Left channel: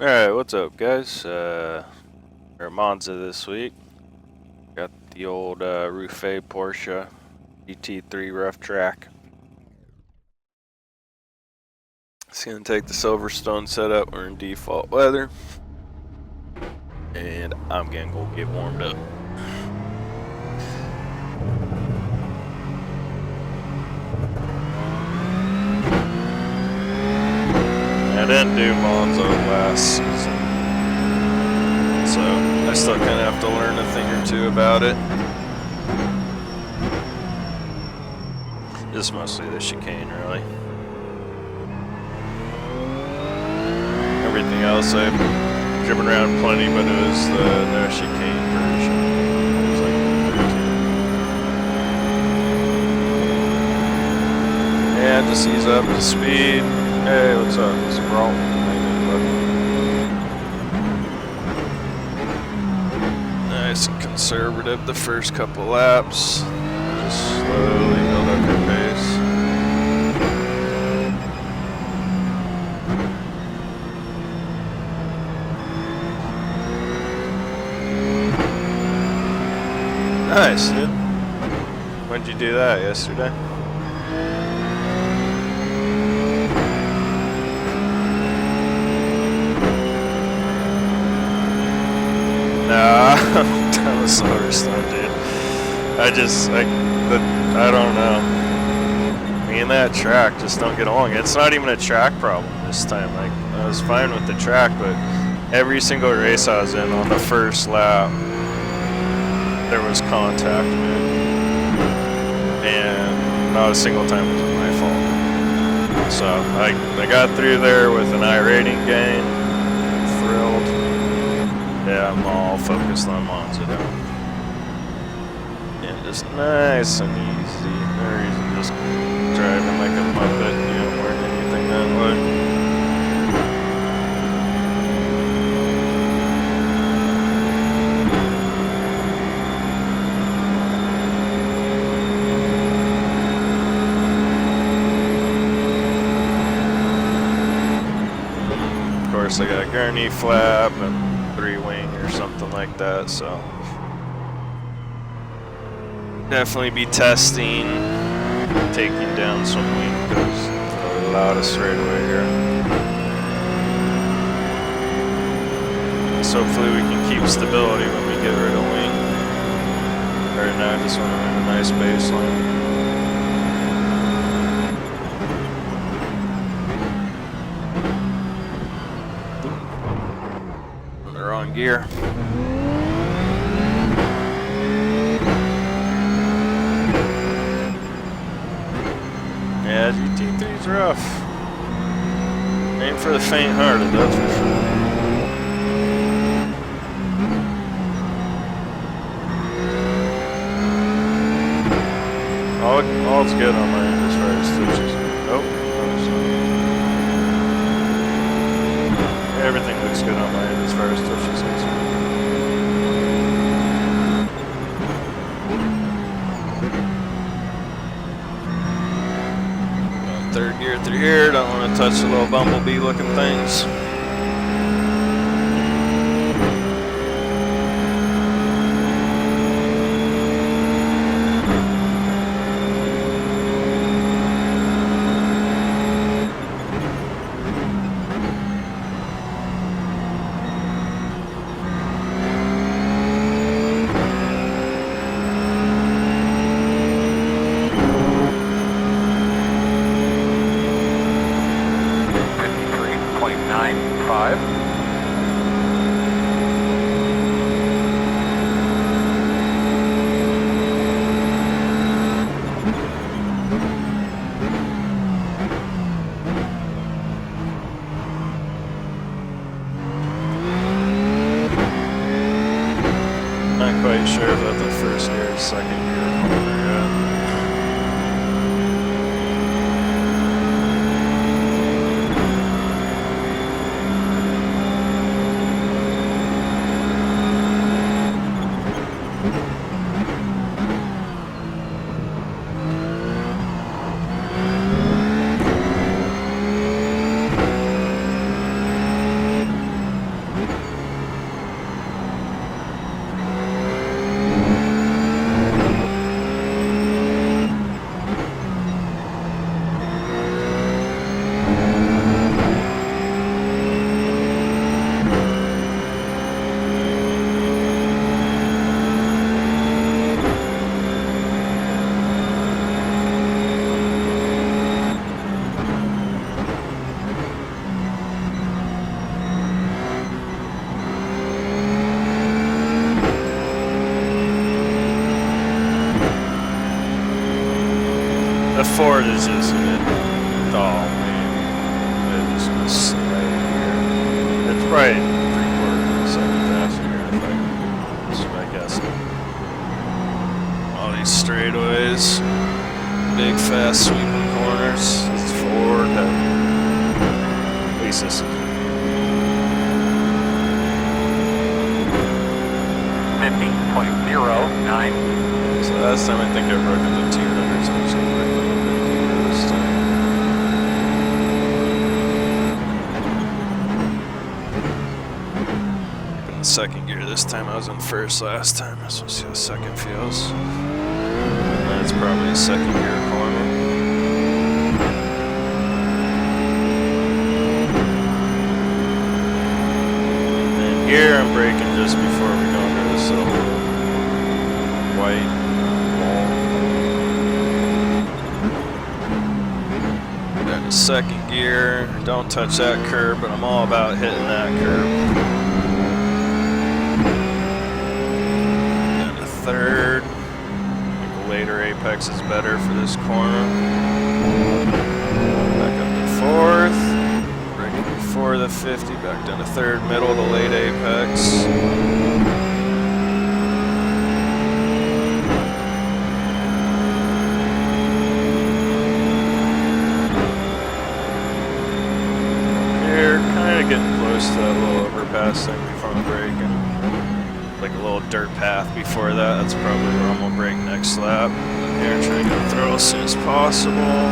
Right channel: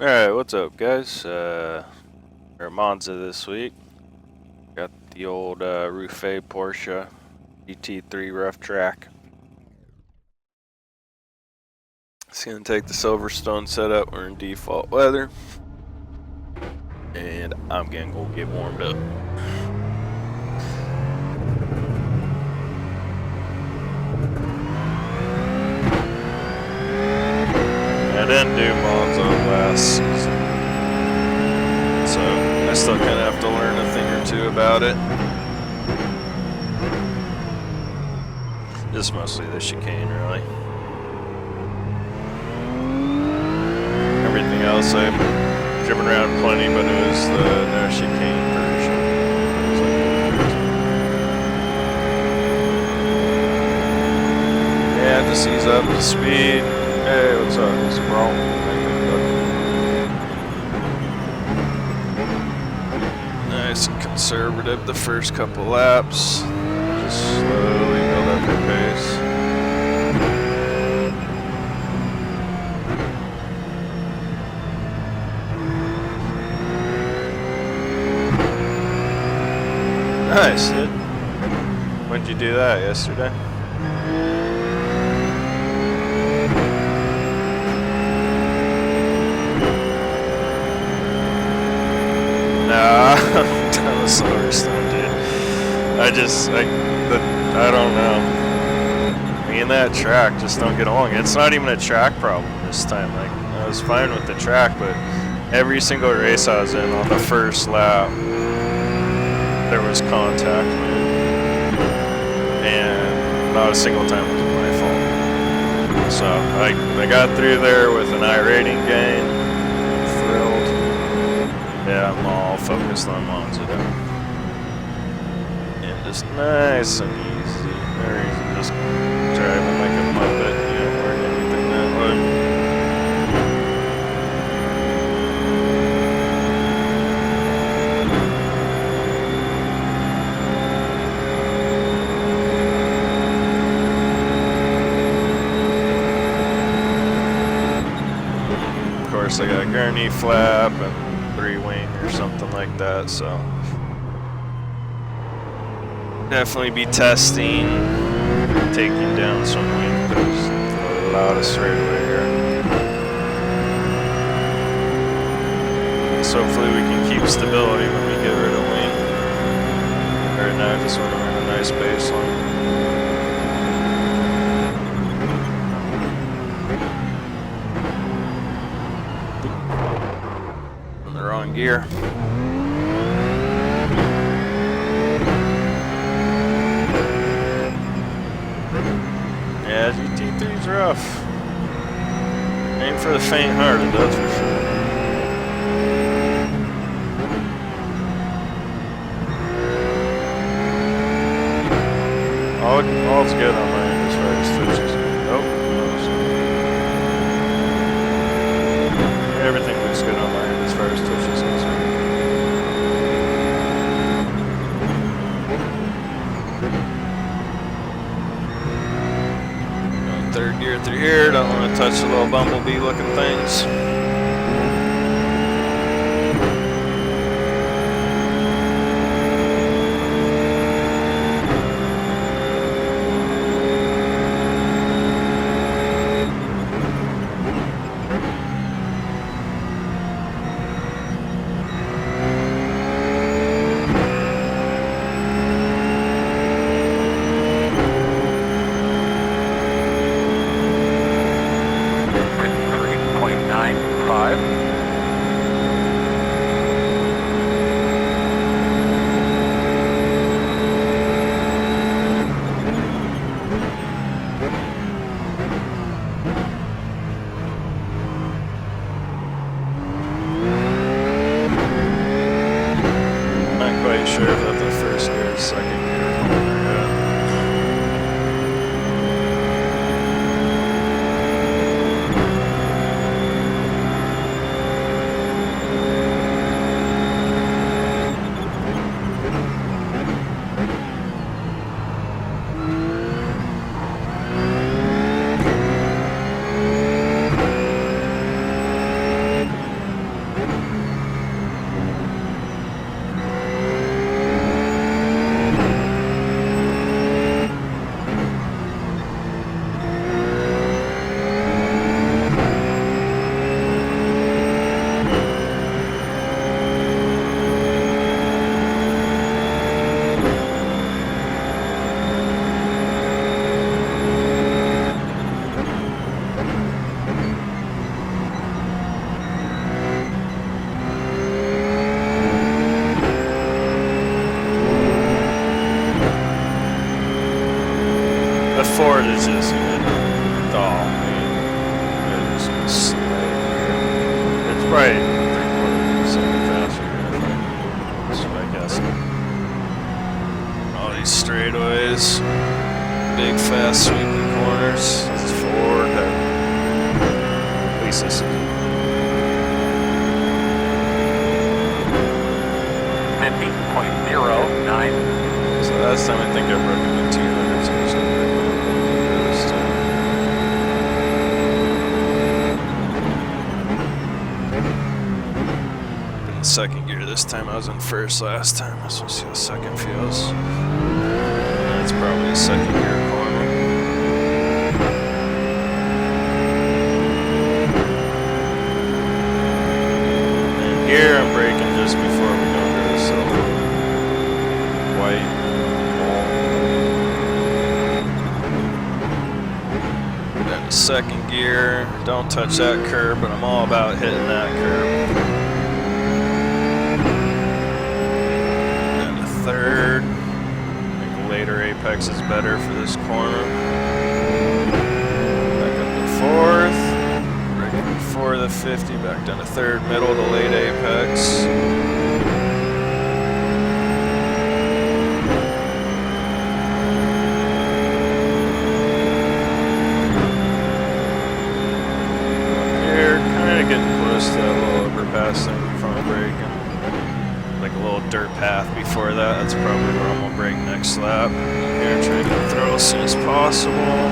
Alright, what's up guys? We're at Monza this week. Got the old Ruffet Porsche GT3 rough track. It's gonna take the Silverstone setup. We're in default weather. And I'm gonna go get warmed up. I didn't do Monza last season, so I still kind of have to learn a thing or two about it. Just mostly the chicane, really. Everything else I've driven around plenty, but it was the no chicane version. It was like 13. Yeah, just ease up the speed. Hey, what's up? What's the problem? How you doing, bud? Nice and conservative the first couple laps. Just slowly build up your pace. Nice, dude. When'd you do that? Yesterday? Nah, I'm down the Silverstone, dude. I don't know. Me and that track just don't get along. It's not even a track problem this time. Like, I was fine with the track, but every single race I was in on the first lap, there was contact, man. And not a single time was it my fault. So, I got through there with an iRacing gain. I'm thrilled. Yeah, I'm all focused on Monza now. And just nice and easy. No reason just driving like a muppet. You don't learn anything that way. Of course, I got a gurney flap and 3-wing or something like that, so definitely be testing taking down some wing. There's a lot of straightaway here. So hopefully we can keep stability when we get rid of wing. Right now I just want to run a nice baseline. On the wrong gear. Yeah, GT3's rough. Ain't for the faint-hearted, that's for sure. All's good on my end as far as switches go. Oh, everything looks good on my end as far as switches goes. Third gear through here, don't want to touch the little bumblebee looking things. Not quite sure if that's the first gear or second gear corner yet. Ford is just gonna, oh man, it's just gonna slay here. It's probably 3/4 second faster here, I guess. All these straightaways, big fast sweeping corners. This is Ford heavy. At least this is. 50.09. So last time I think I broke it to 200, so I'm just gonna break a little bit deeper this time. In the second gear this time, I was in first last time. Let's see how second feels. That's probably a second gear corner. And here I'm braking just before we go under this little white wall. Then the second gear. Don't touch that curb, but I'm all about hitting that curb. Then a third. I think a later apex is better for this corner. Back up to fourth. Braking before the 50. Back down to third, middle to late apex. Getting close to that little overpass thing before I'm braking. Like a little dirt path before that. That's probably where I'm gonna brake next lap. Here, trying to get the throttle as soon as possible.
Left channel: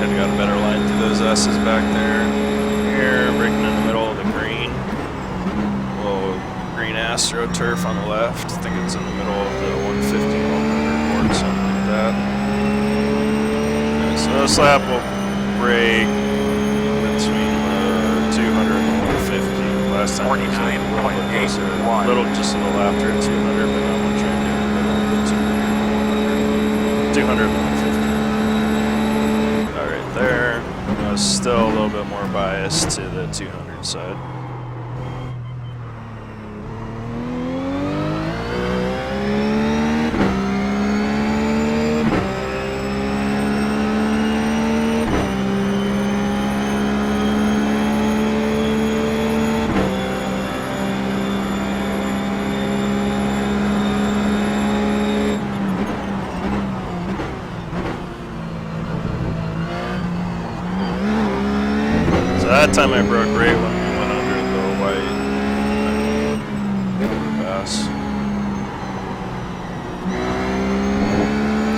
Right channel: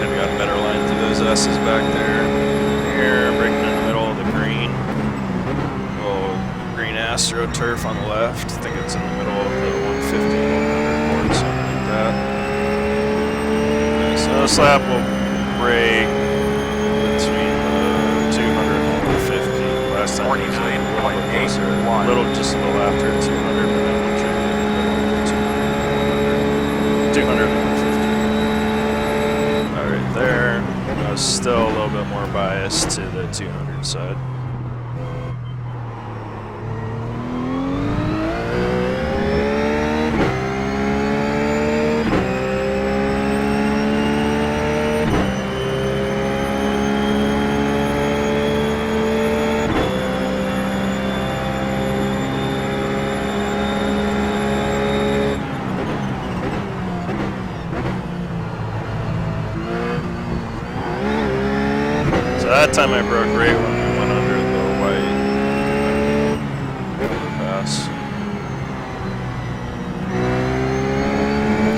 Could've got a better line through those S's back there. Here, braking in the middle of the green. Little green AstroTurf on the left. I think it's in the middle of the 150. Something like that. Okay, so this lap will brake between the 200 and the 150. Last time it was a little bit closer, just a little after 200, but now I'm trying to get in the middle of the 200 and 150. Alright, there. I was still a little bit more biased to the 200 side. That time I broke right when we went under the white overpass.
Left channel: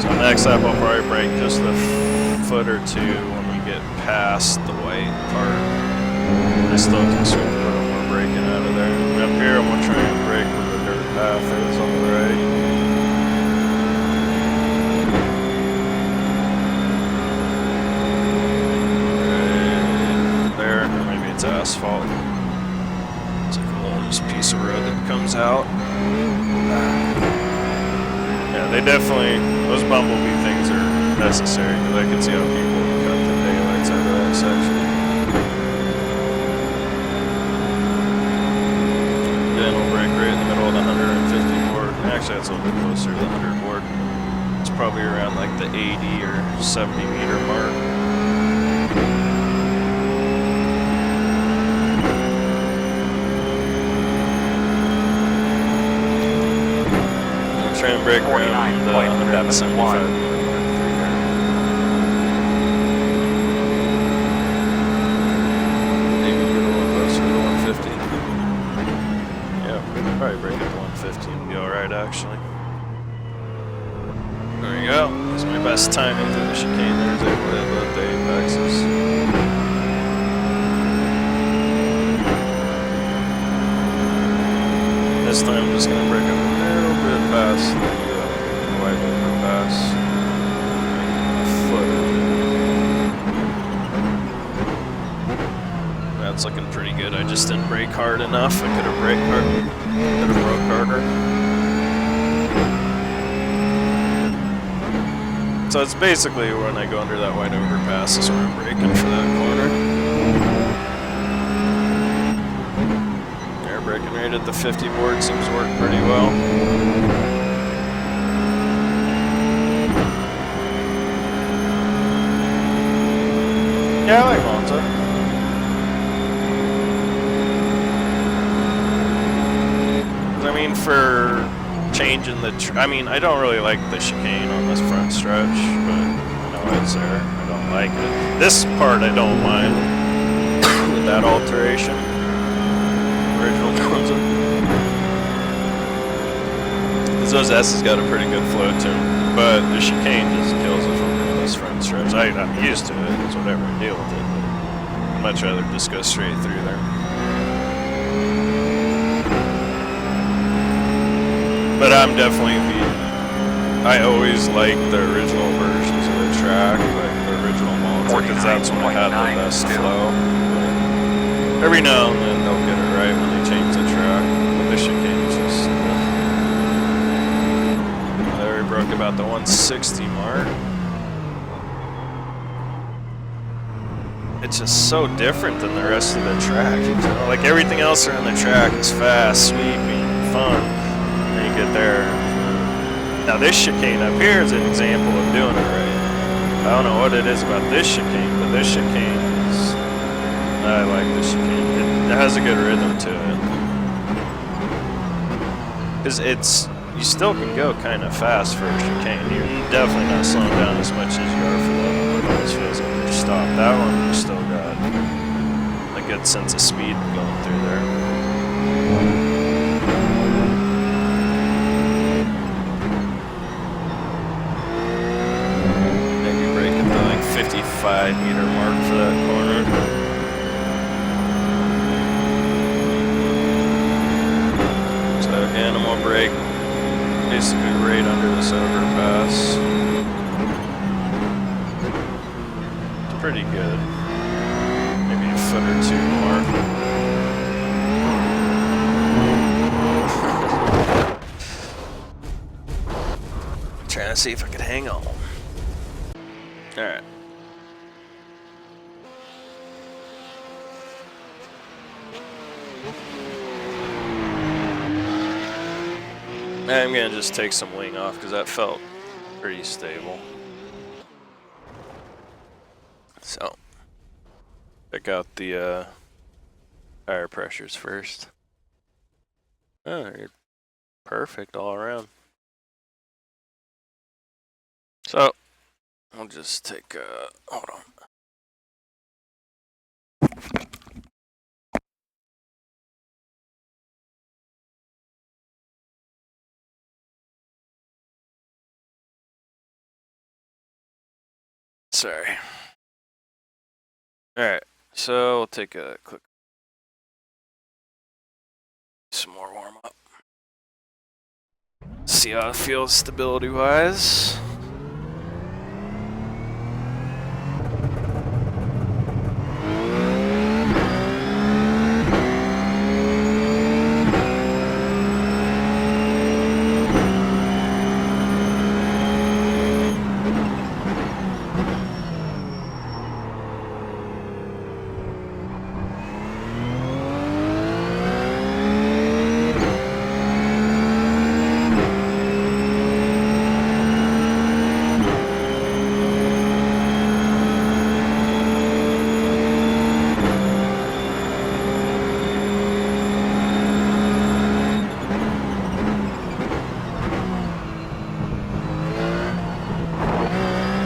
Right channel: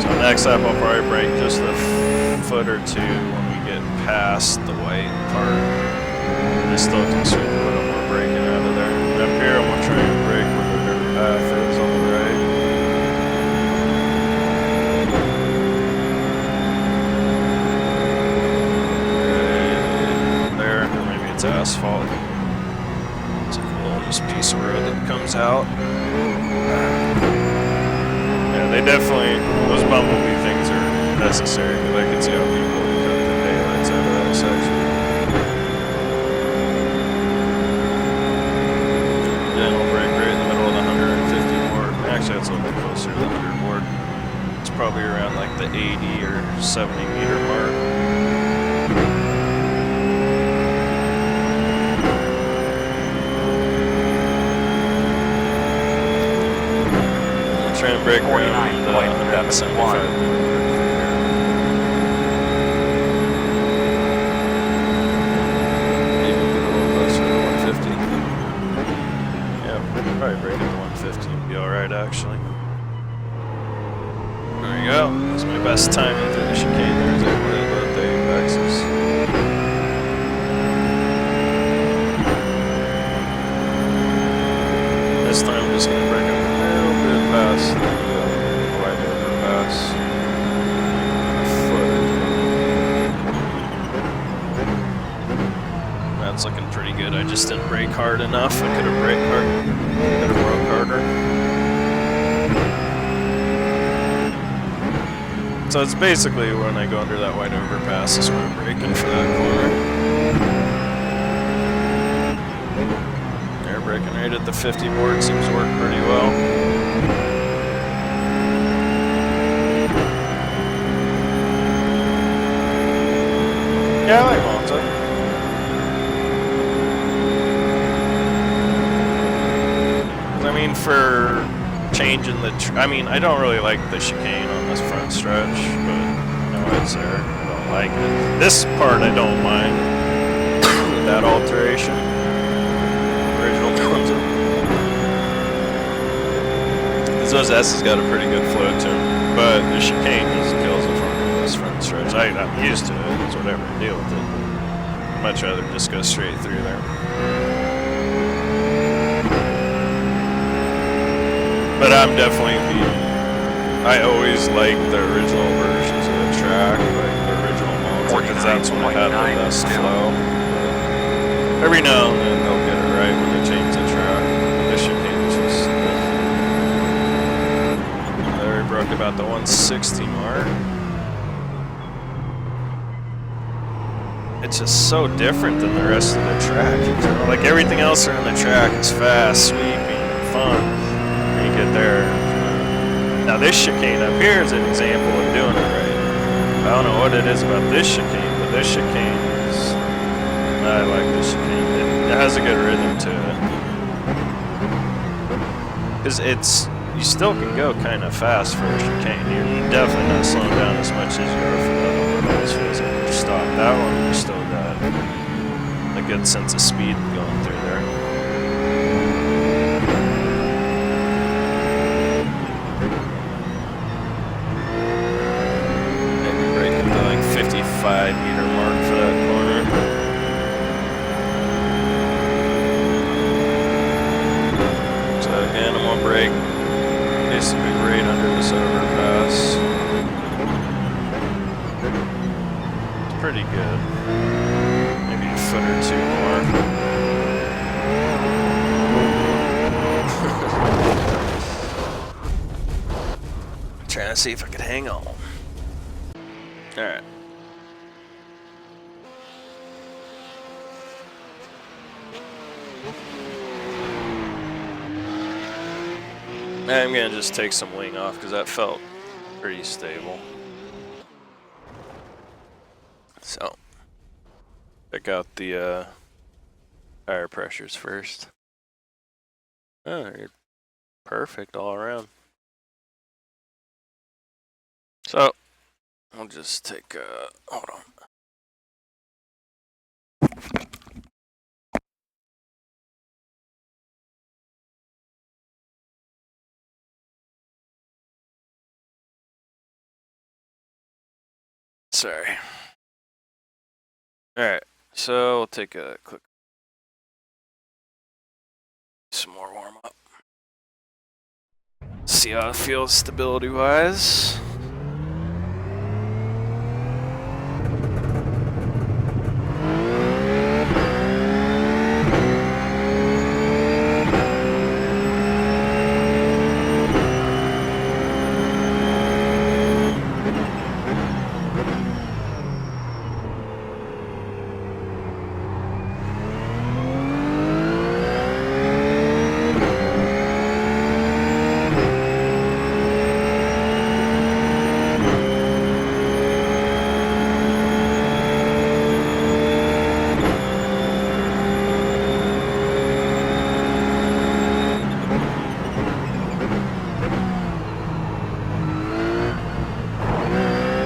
So next lap I'll probably brake just a foot or two when we get past the white part. I still can sweep a little more braking out of there. And up here I'm gonna try and brake where the dirt path is on the right. It's asphalt. It's like a little just piece of road that comes out. Yeah, they definitely, those bumblebee things are necessary because I can see how people would cut the daylights out of that section. Then we'll brake right in the middle of the 150 board. Actually, that's a little bit closer to the 100 board. It's probably around like the 80 or 70 meter mark. Try and brake around the 175 meter mark through here. Maybe get a little closer to the 150. Yeah, we could probably brake at the 150 and be alright actually. There we go. That's my best timing through the chicane there. I was able to hit both the apexes. This time I'm just going to brake a little bit past the white overpass. A foot or two. That's looking pretty good. I just didn't brake hard enough. I could have braked hard. Could have broke harder. So it's basically when I go under that white overpass is when I'm braking for that corner. braking rate at the 50 board seems to work pretty well. Yeah, I like Monza. I mean, for changing the... I mean, I don't really like the chicane on this front stretch, but I know it's there. I don't like it. This part I don't mind with that alteration. Original Monza. Because those S's got a pretty good flow to them, but the chicane just kills it for me on this front stretch. I'm used to it. It's whatever, I deal with it. But I'd much rather just go straight through there. But I'm definitely I always like the original versions of the track, like the original Monza, because that's when I had the best flow. But every now and then they'll get it right when they change the track. But this chicane just... There we broke about the 160 mark. It's just so different than the rest of the track. You know, like everything else around the track is fast, sweeping, fun. You get there. Now this chicane up here is an example of doing it right. I don't know what it is about this chicane, but this chicane is... I like this chicane. It has a good rhythm to it. Because it's... You still can go kind of fast for a chicane. You're definitely not slowing down as much as you are for the other one. It always feels like you're stopped. That one, you still got a good sense of speed going through there. Breaking the like 55-meter mark for that corner. So again, I'm gonna brake basically right under this overpass. It's pretty good. Maybe a foot or two more. Trying to see if I could hang on. Alright. I'm gonna just take some wing off because that felt pretty stable. So, check out the tire pressures first. Oh, you're perfect all around. So, I'll just take hold on. Sorry. Alright, so we'll take a quick some more warm up. See how it feels stability wise.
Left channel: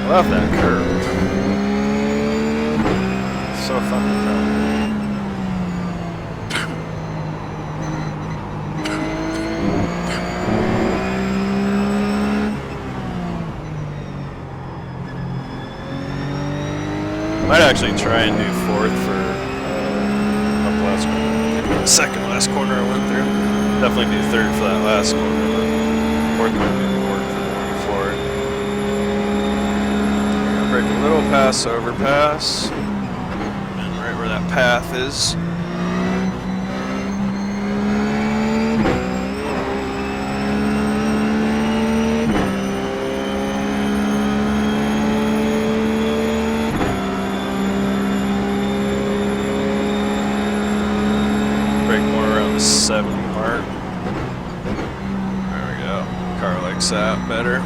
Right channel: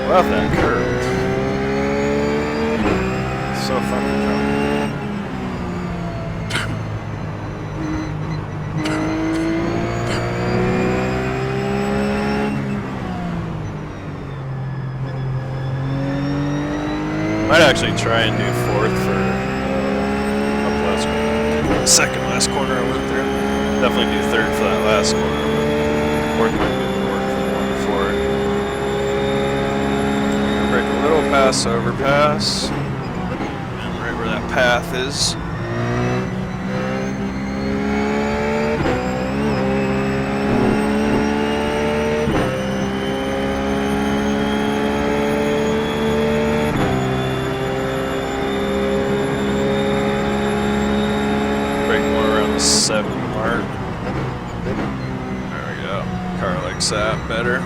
Love that curve. It's so fun to jump. Might actually try and do fourth for up last corner. The second last corner I went through. Definitely do third for that last corner, but fourth might be more work for the one before it. Break a little pass overpass, and right where that path is. Break more around the 70 car likes that better.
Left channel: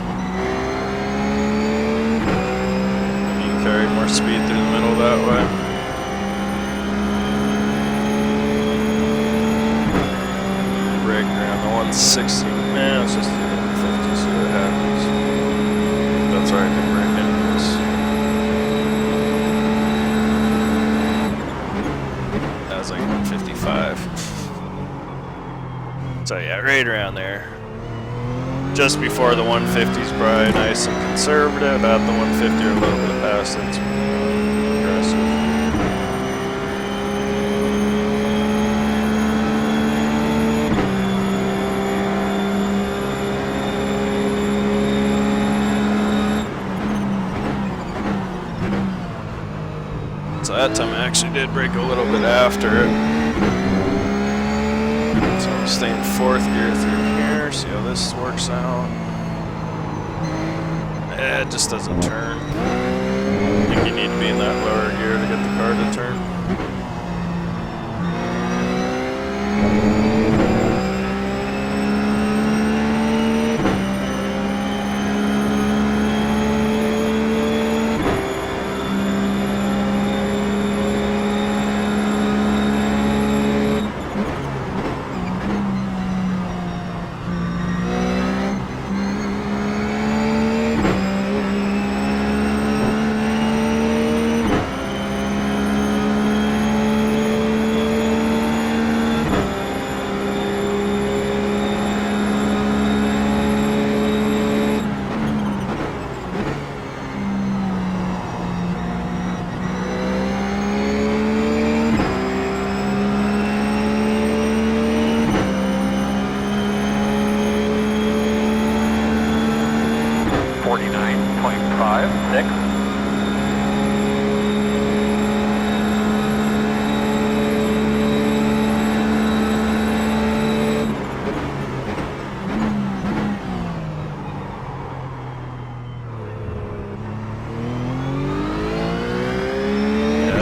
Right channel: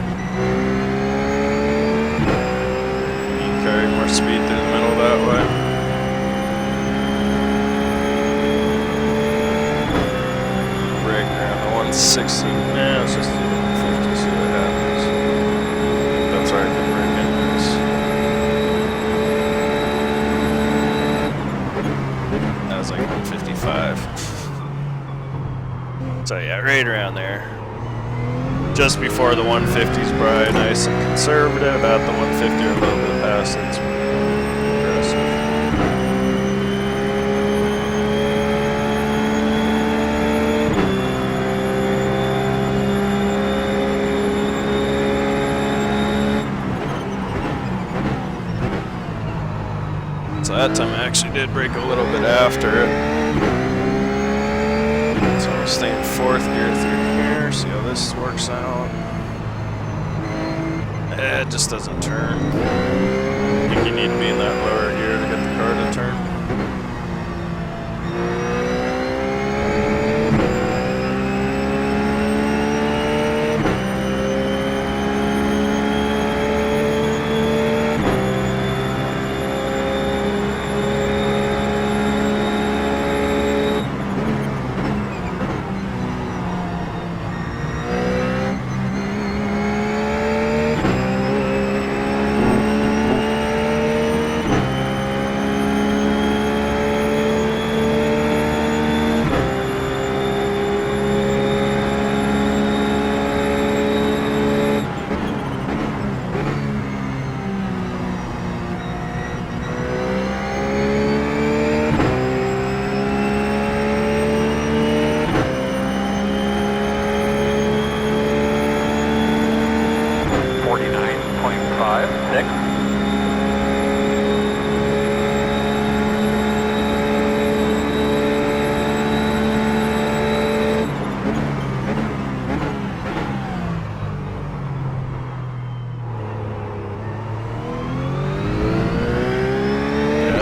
You can carry more speed through the middle that way. Brake around the 160. Nah, let's just do the 150, see what happens. I think that's where I can brake anyways. That was like 155. So yeah, right around there. Just before the 150's probably nice and conservative. At the 150 or a little bit past it, it's aggressive. So that time I actually did brake a little bit after it. So I'm staying fourth gear through here, see how this works out. It just doesn't turn. I think you need to be in that lower gear to get the car to turn.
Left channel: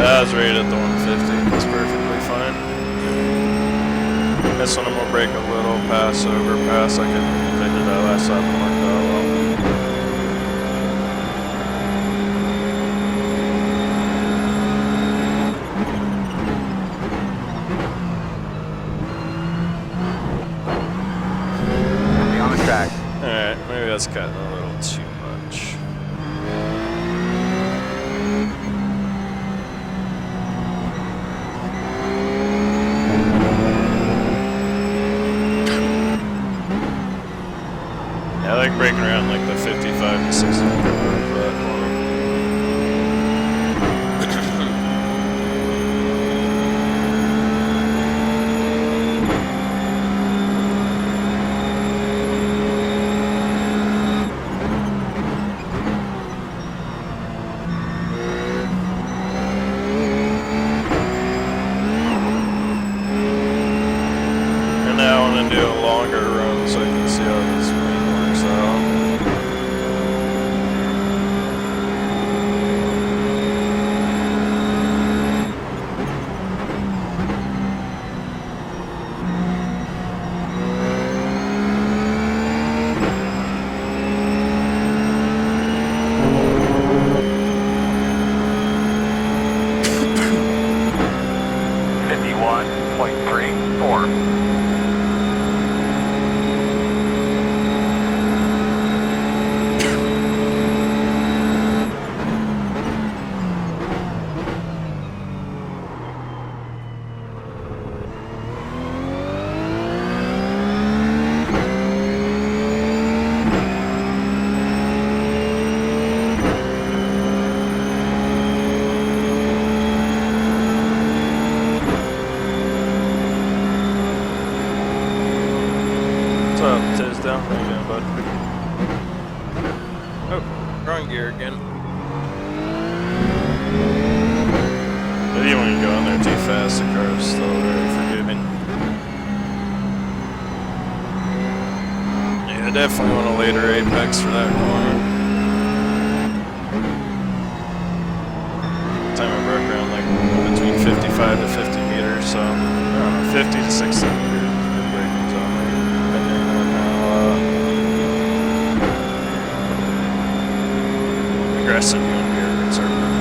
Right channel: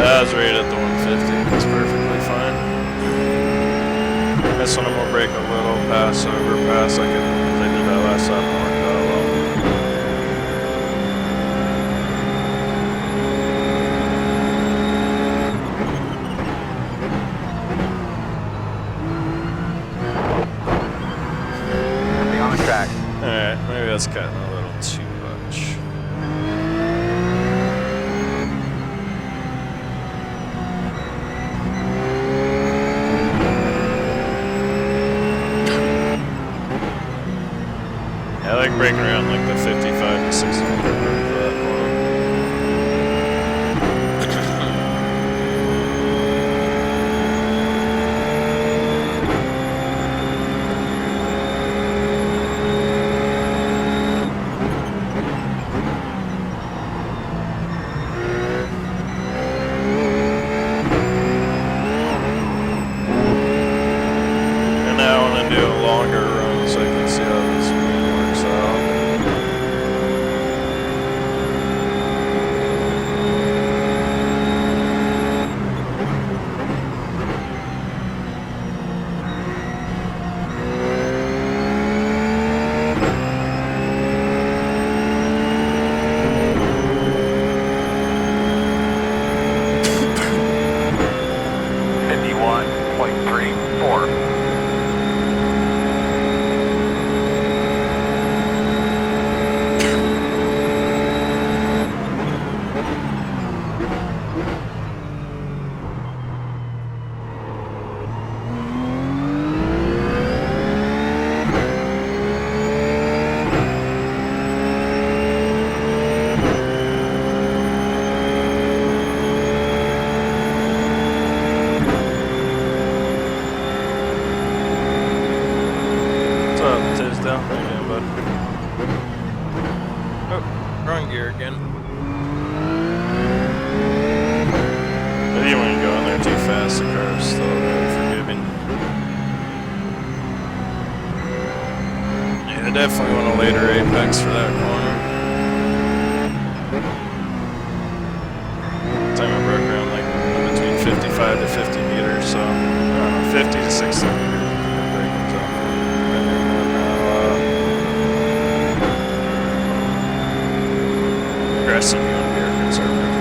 I was right at the 150, that's perfectly fine. This one I'm gonna brake a little pass over pass like I did that last time and worked out well. Be on the track. Alright, maybe that's cutting a little too much. I like braking around like the 55 to 60 for that corner. And now I want to do a longer run so I can see how this works out. What's up, Tisdale? How you doing, bud? Oh, wrong gear again. But even when you go in there too fast, the car is still very forgiving. Yeah, I definitely want a later apex for that corner. Time I broke around like between 55 to 50 meters, so I don't know, 50 to 60 meters. aggressive, you want to be air conservative.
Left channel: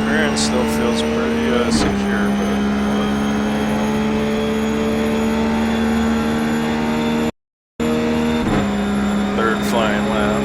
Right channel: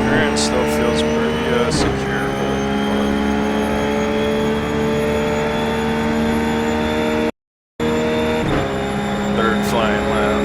Appearance still feels pretty secure, but third flying lap.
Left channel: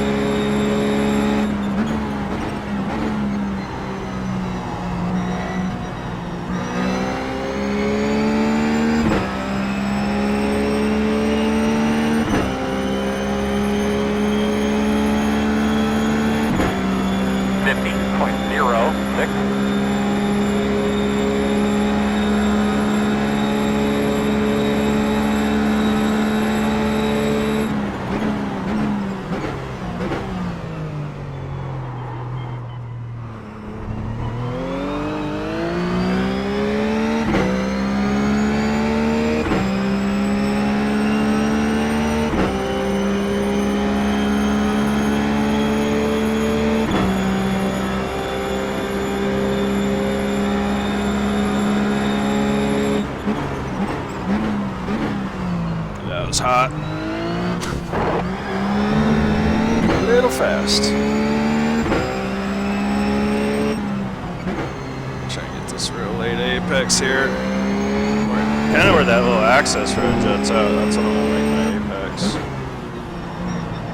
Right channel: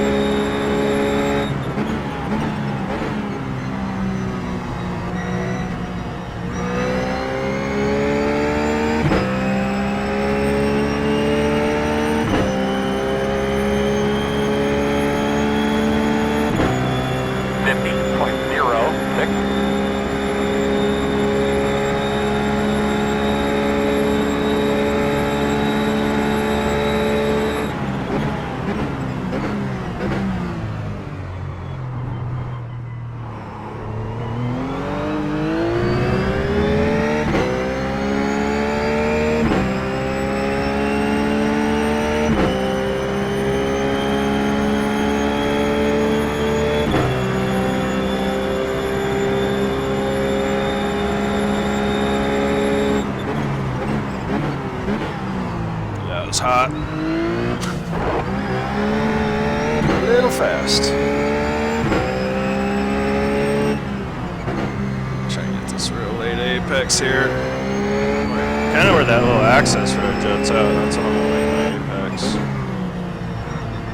Was hot. A little fast. Try and get this real late apex here. Kind of where that little access road juts out. That's what I'm gonna make my apex.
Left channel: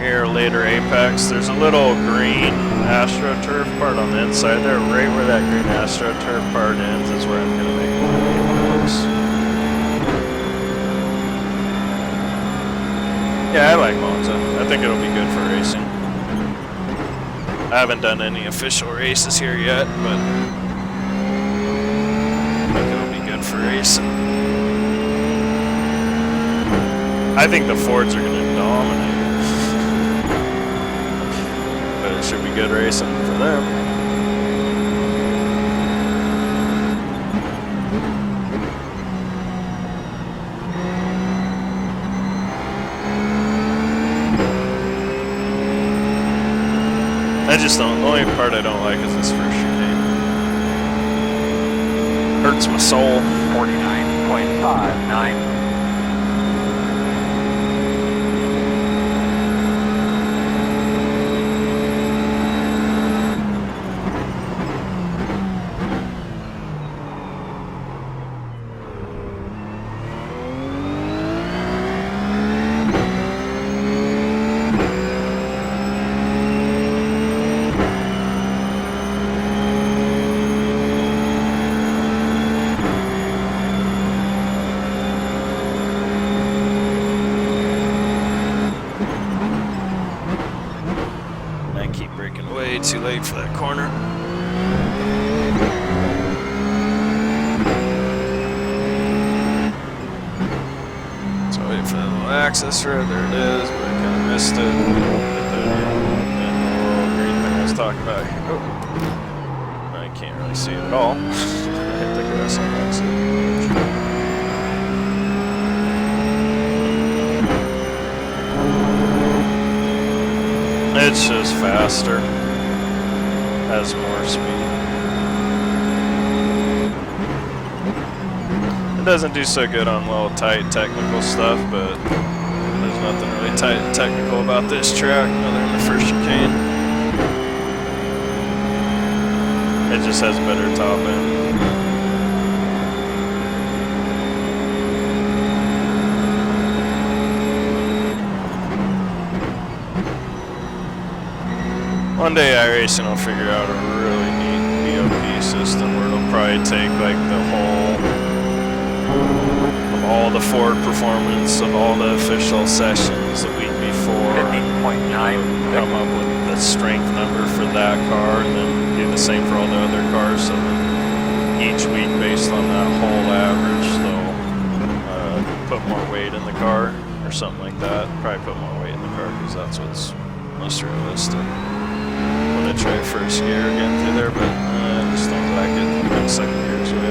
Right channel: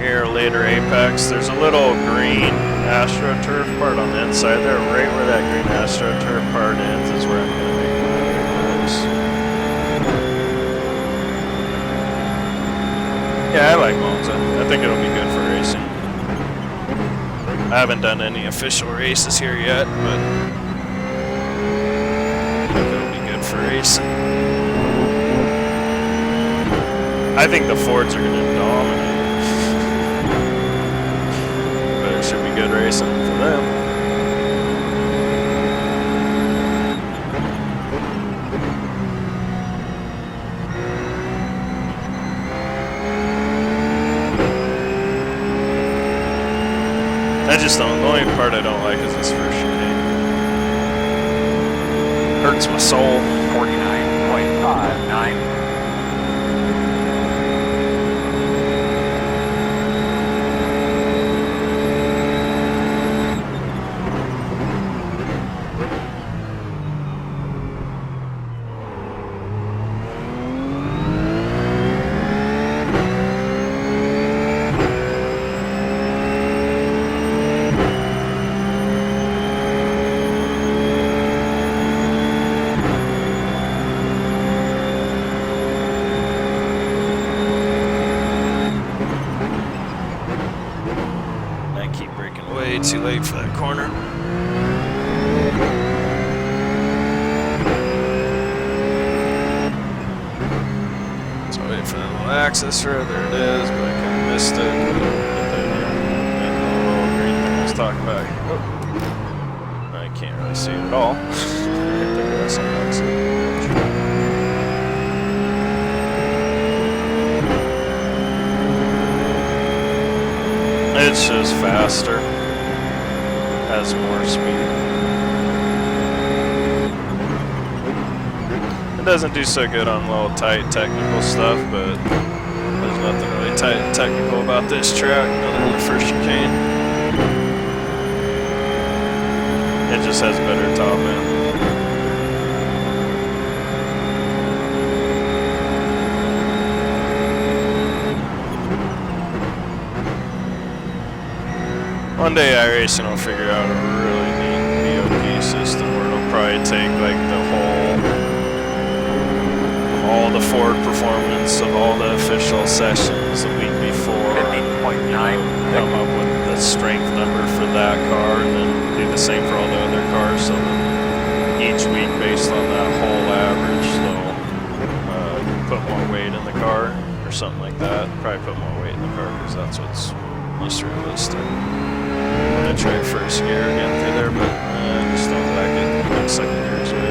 Here, later apex. There's a little green AstroTurf part on the inside there. Right where that green AstroTurf part ends is where I'm gonna make my apex. Yeah, I like Monza. I think it'll be good for racing. I haven't done any official races here yet, but I think it'll be good for racing. I think the Fords are going to dominate, but it should be good racing for them. I just don't, the only part I don't like is this first chicane. Hurts my soul. 49.59. Way too late for that corner. So I wait for that little access road. There it is, but I kind of missed it. And the little green thing I was talking about. Oh, I can't really see it at all. Hit the grass on that side. It's just faster, has more speed. It doesn't do so good on little tight technical stuff, but there's nothing really tight and technical about this track other than the first chicane. It just has better top end. One day iRacing will figure out a really neat BOP system where it'll probably take like the whole of all the Ford performance of all the official sessions the week before, 50.9, come up with the strength number for that car and then do the same for all the other cars, so then each week based on that whole average they'll put more weight in the car or something like that. Probably put more weight in the car because that's what's most realistic. I'm going to try first gear again through there, but I just don't like it. I think second gear is the way to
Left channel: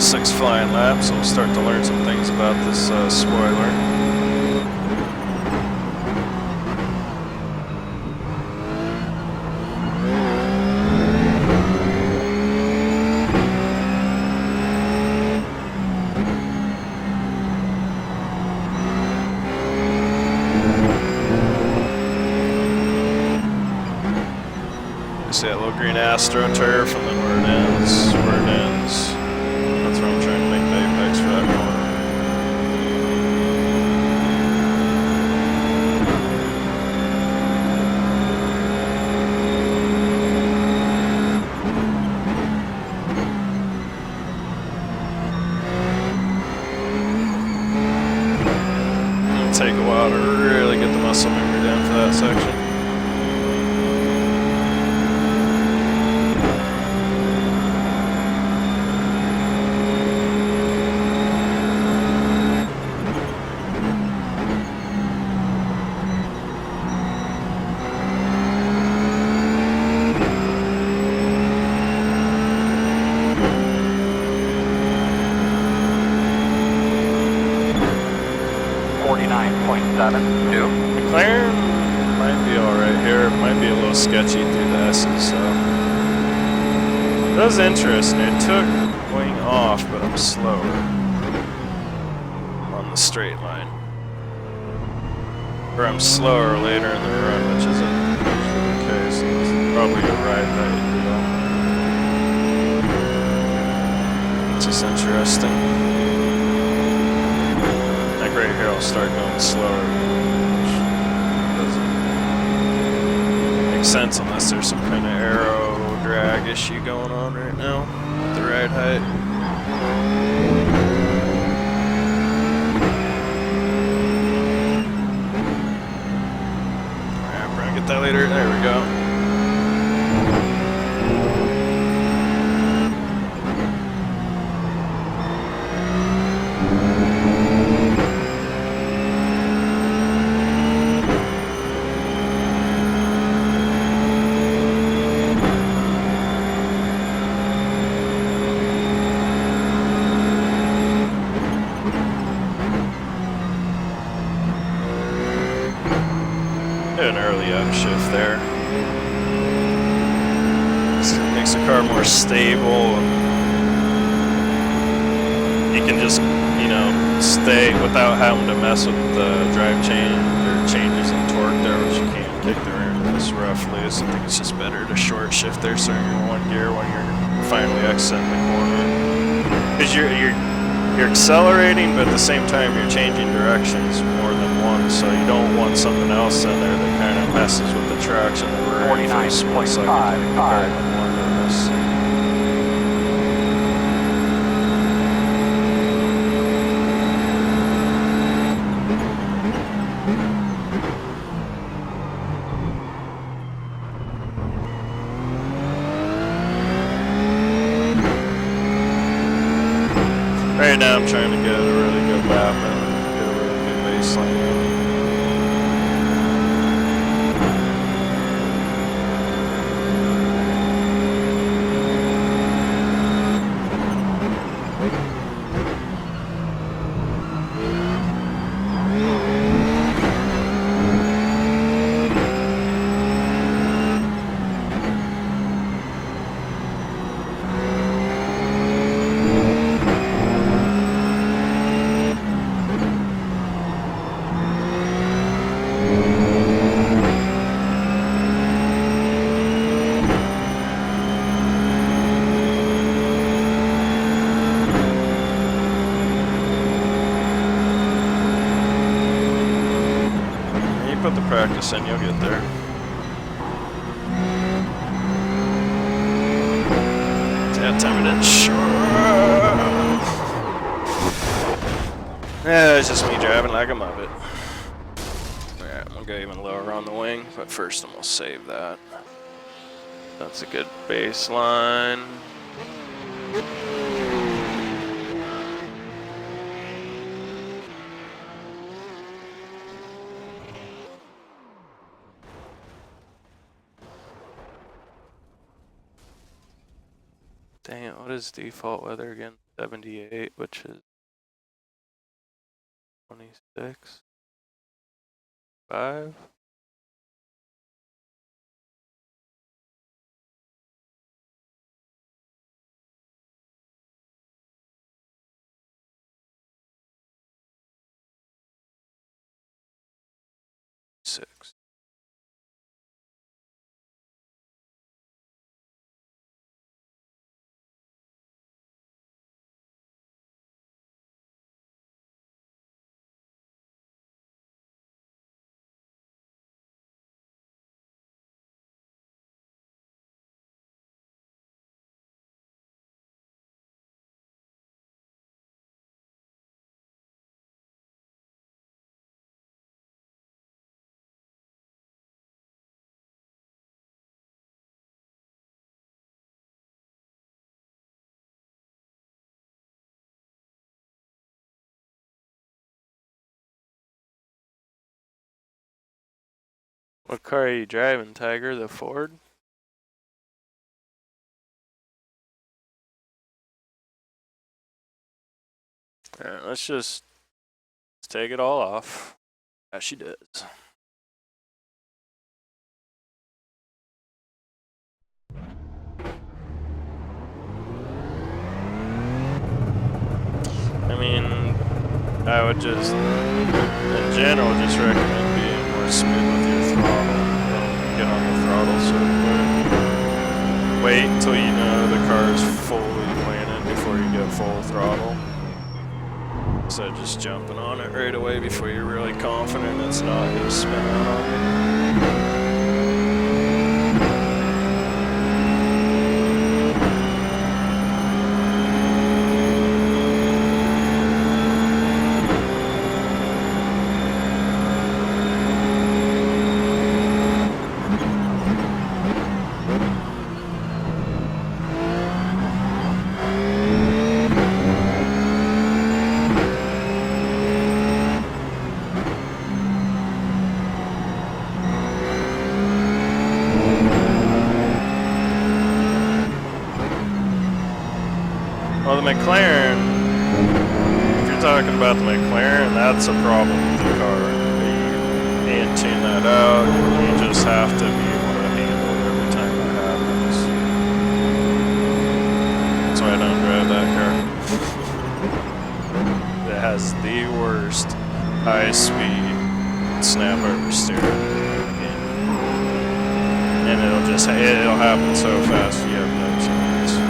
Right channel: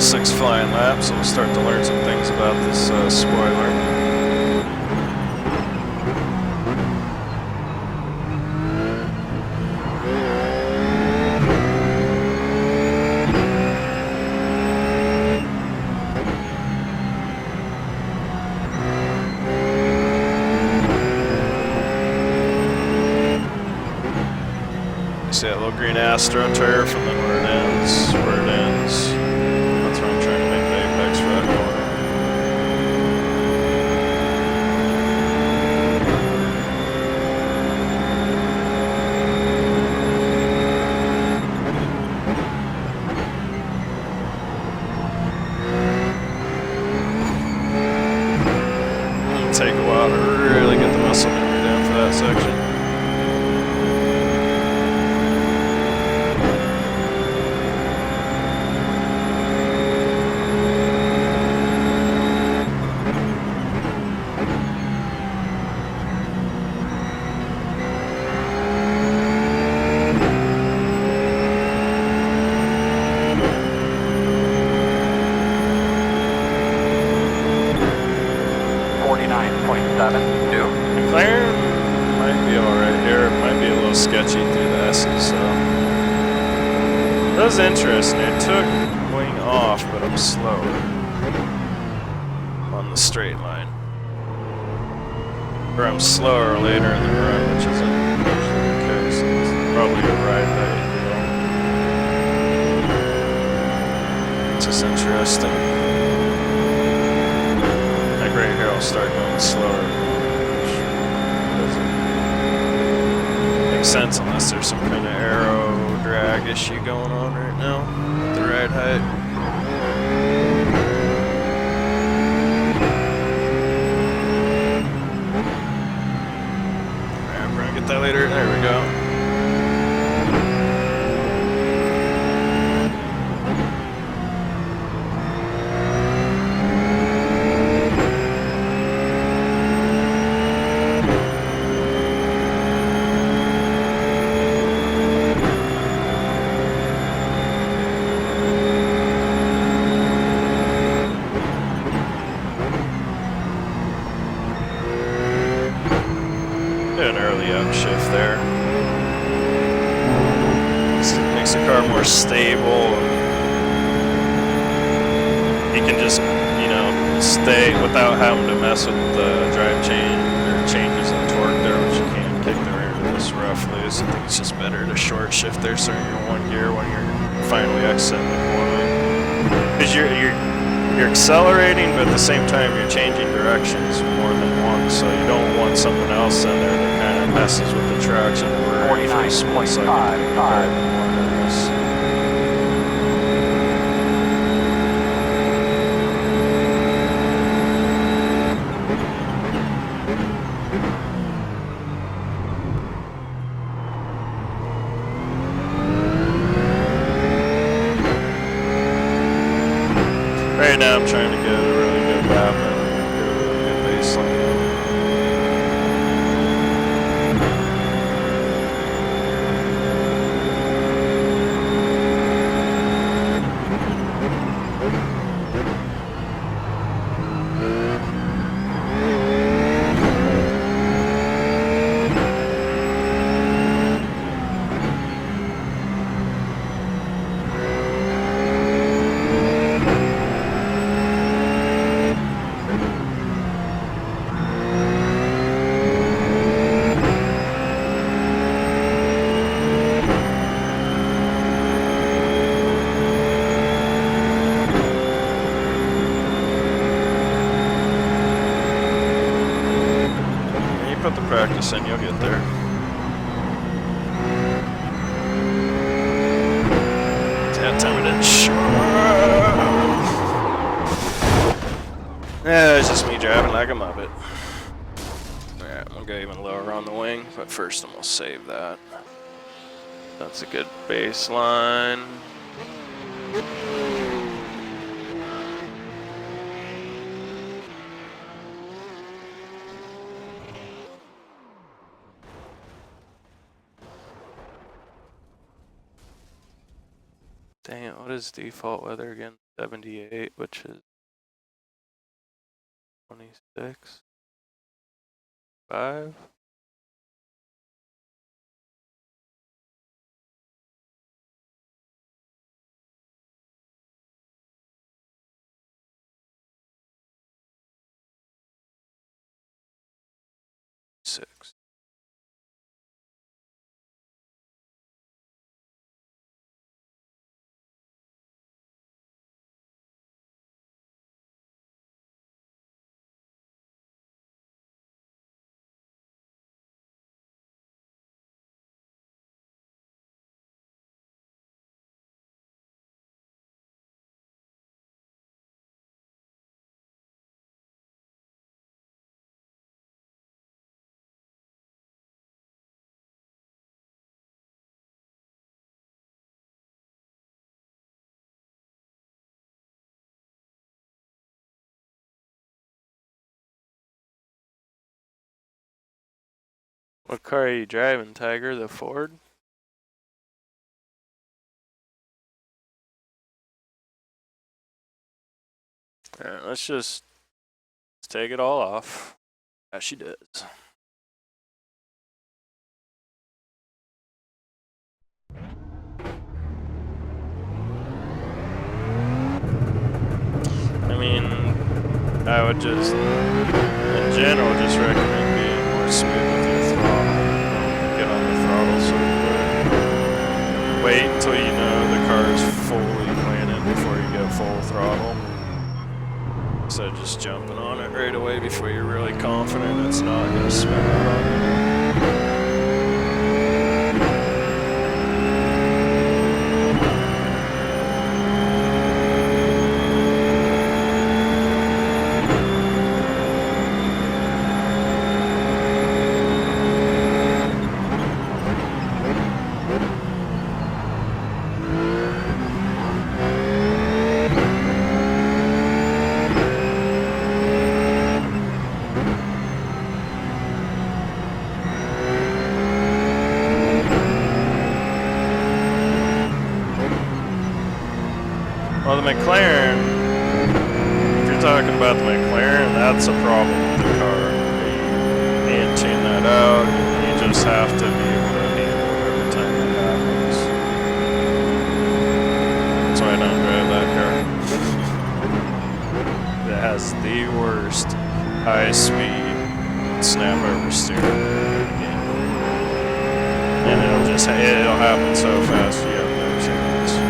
go. 6 flying laps, so we'll start to learn some things about this spoiler. See that little green astroturf, and then where it ends, That's where I'm trying to make the apex for that corner. It'll take a while to really get the muscle memory down for that section. McLaren might be alright here. It might be a little sketchy through the S's, so. That was interesting. It took wing off, but I'm slower on the straight line. Or I'm slower later in the run, which isn't usually the case. It's probably a ride height, It's just interesting. Like right here, I'll start going slower, which doesn't make sense unless there's some kind of aero drag issue going on right now with the ride height. Alright, we're gonna get that later. There we go. An early upshift there. Makes the car more stable. You can just, you know, stay without having to mess with the drive chain or changes in torque there, which you can't kick the rear into this roughly. So I think it's just better to short shift there, so you're in one gear when you're finally exiting the corner. Because you're accelerating, but at the same time you're changing directions more than once, so you don't want something else in there that kind of messes with the traction that we're in for a split second to make the car even more nervous. Right now I'm trying to get a really good lap and get a really good baseline now. Put the practice in, you'll get there. That time it didn't show. Yeah, it's just me driving like a muppet. Alright, we'll go even lower on the wing, but first I'm gonna save that. That's a good baseline. Dang it, what is default weather again? 78, which is 26. 5. What car are you driving, Tiger? The Ford? Alright, let's take it all off. As she does. I mean, I would just, in general, just recommend being more smooth with your throttle. Don't get on the throttle so quick. Wait until you know the car is fully planted before you get full throttle. So just jumping on it right away before you're really confident it's not going to spin out on you. Well, the McLaren, if you're talking about the McLaren, that's a problem with the car. You can't tune that out. You just have to be able to handle it every time that happens. That's why I don't drive that car. It has the worst high-speed snap oversteer in the game. And it'll happen so fast you have no chance.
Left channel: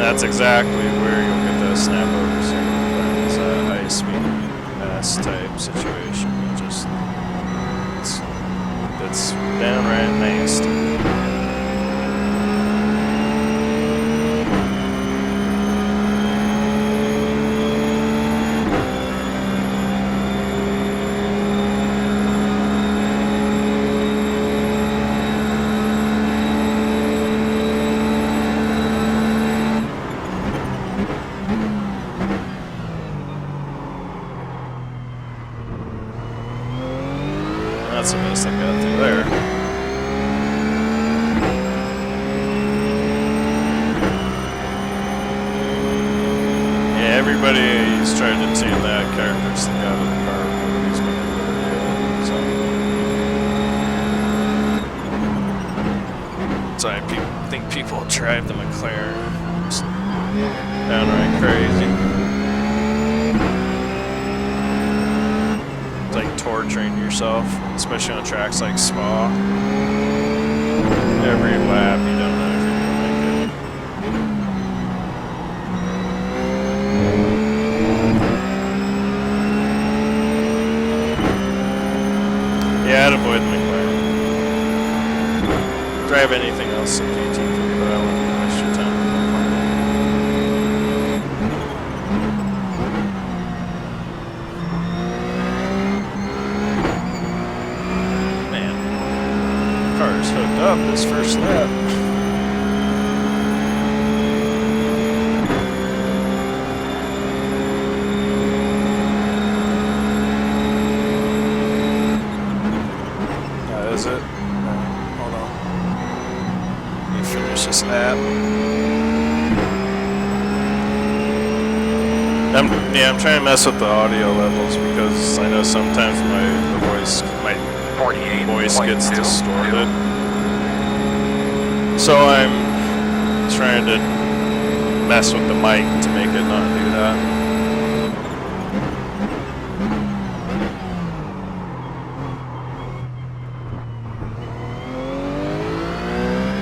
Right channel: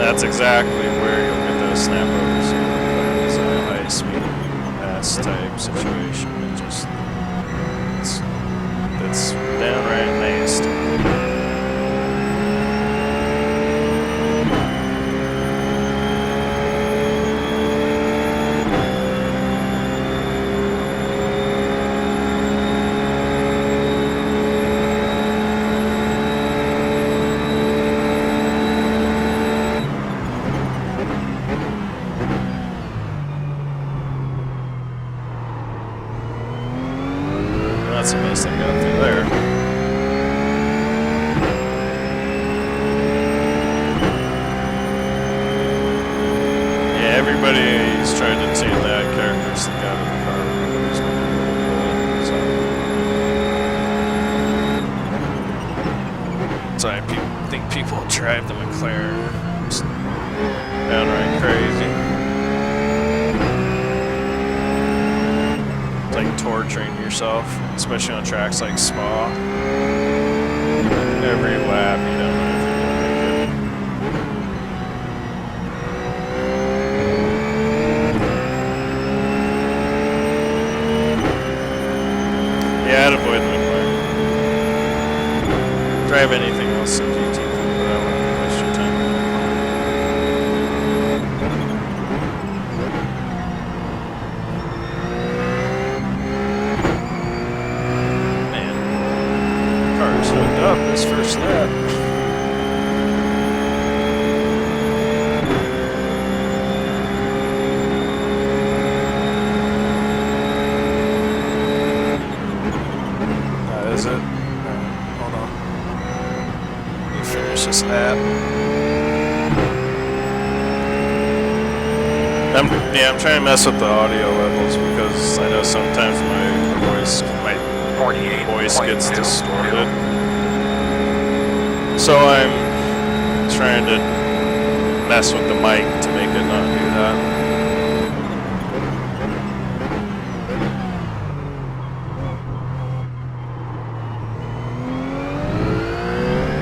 That's exactly where you'll get those snap overs here. It's a high speed S type situation. It's downright nasty. That's the best I got through there. Yeah, everybody's trying to tune that characteristic out of the car. Nobody's been able to do it, so I think people drive the McLaren just downright crazy. It's like torturing yourself, especially on tracks like Spa. Every lap, you don't know if you're gonna make it. Yeah, I'd avoid the McLaren. Drive anything else in GT3, but I wouldn't waste your time with that car. Car's hooked up this first lap. That is it. Hold on. Let me finish this lap. I'm trying to mess with the audio levels because I know sometimes my voice gets distorted. So I'm trying to mess with the mic to make it not do that.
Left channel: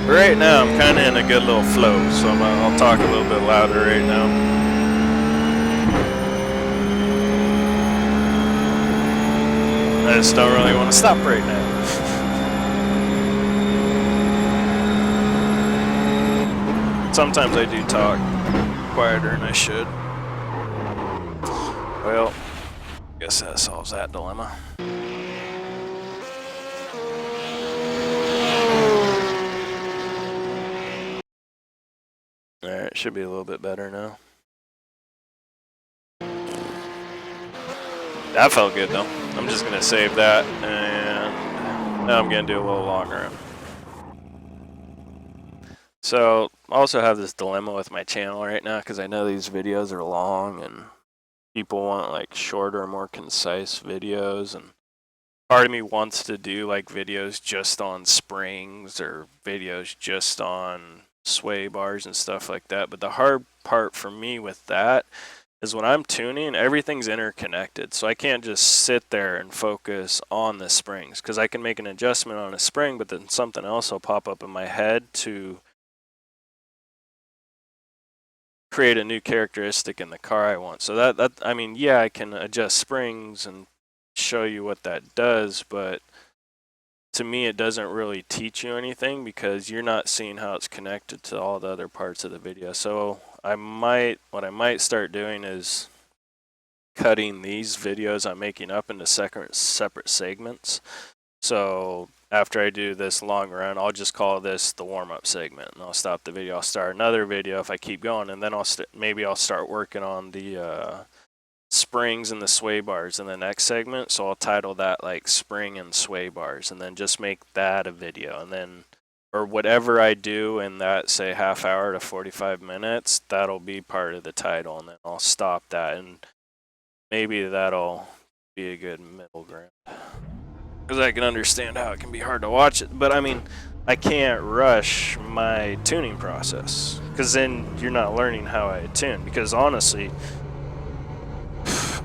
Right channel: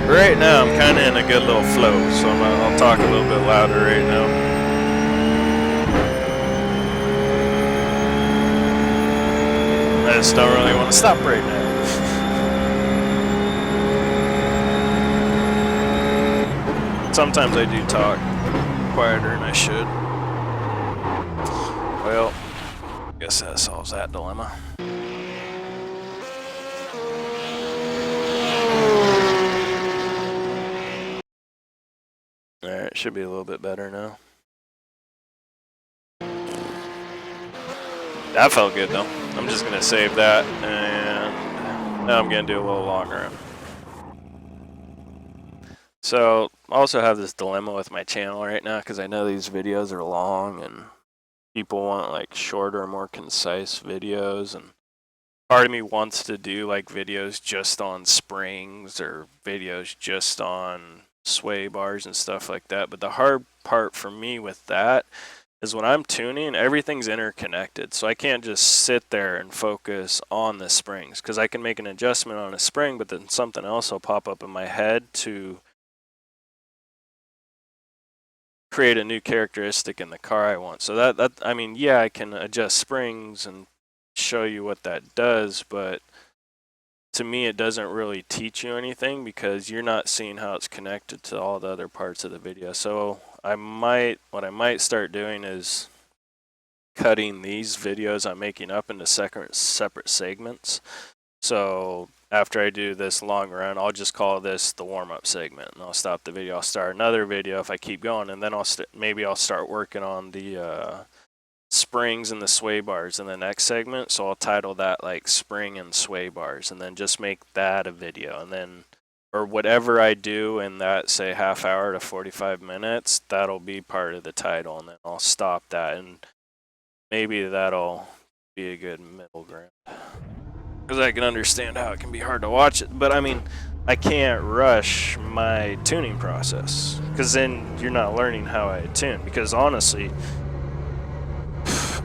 Right now I'm kind of in a good little flow, so I'll talk a little bit louder right now. I just don't really want to stop right now. Sometimes I do talk quieter than I should. Well, I guess that solves that dilemma. Alright, should be a little bit better now. That felt good though. I'm just gonna save that, and now I'm gonna do a little long run. So I also have this dilemma with my channel right now because I know these videos are long and people want like shorter, more concise videos, and part of me wants to do like videos just on springs or videos just on sway bars and stuff like that. But the hard part for me with that is when I'm tuning, everything's interconnected. So I can't just sit there and focus on the springs because I can make an adjustment on a spring, but then something else will pop up in my head to create a new characteristic in the car I want. So that I mean, yeah, I can adjust springs and show you what that does, but to me it doesn't really teach you anything because you're not seeing how it's connected to all the other parts of the video. So what I might start doing is cutting these videos I'm making up into separate segments. So after I do this long run, I'll just call this the warm-up segment, and I'll stop the video. I'll start another video if I keep going, and then maybe I'll start working on the springs and the sway bars in the next segment. So I'll title that like spring and sway bars, and then just make that a video, and then or whatever I do in that, say, half hour to 45 minutes, that'll be part of the title, and then I'll stop that, and maybe that'll be a good middle ground. Because I can understand how it can be hard to watch it. But I mean, I can't rush my tuning process. Because then you're not learning how I tune. Because honestly,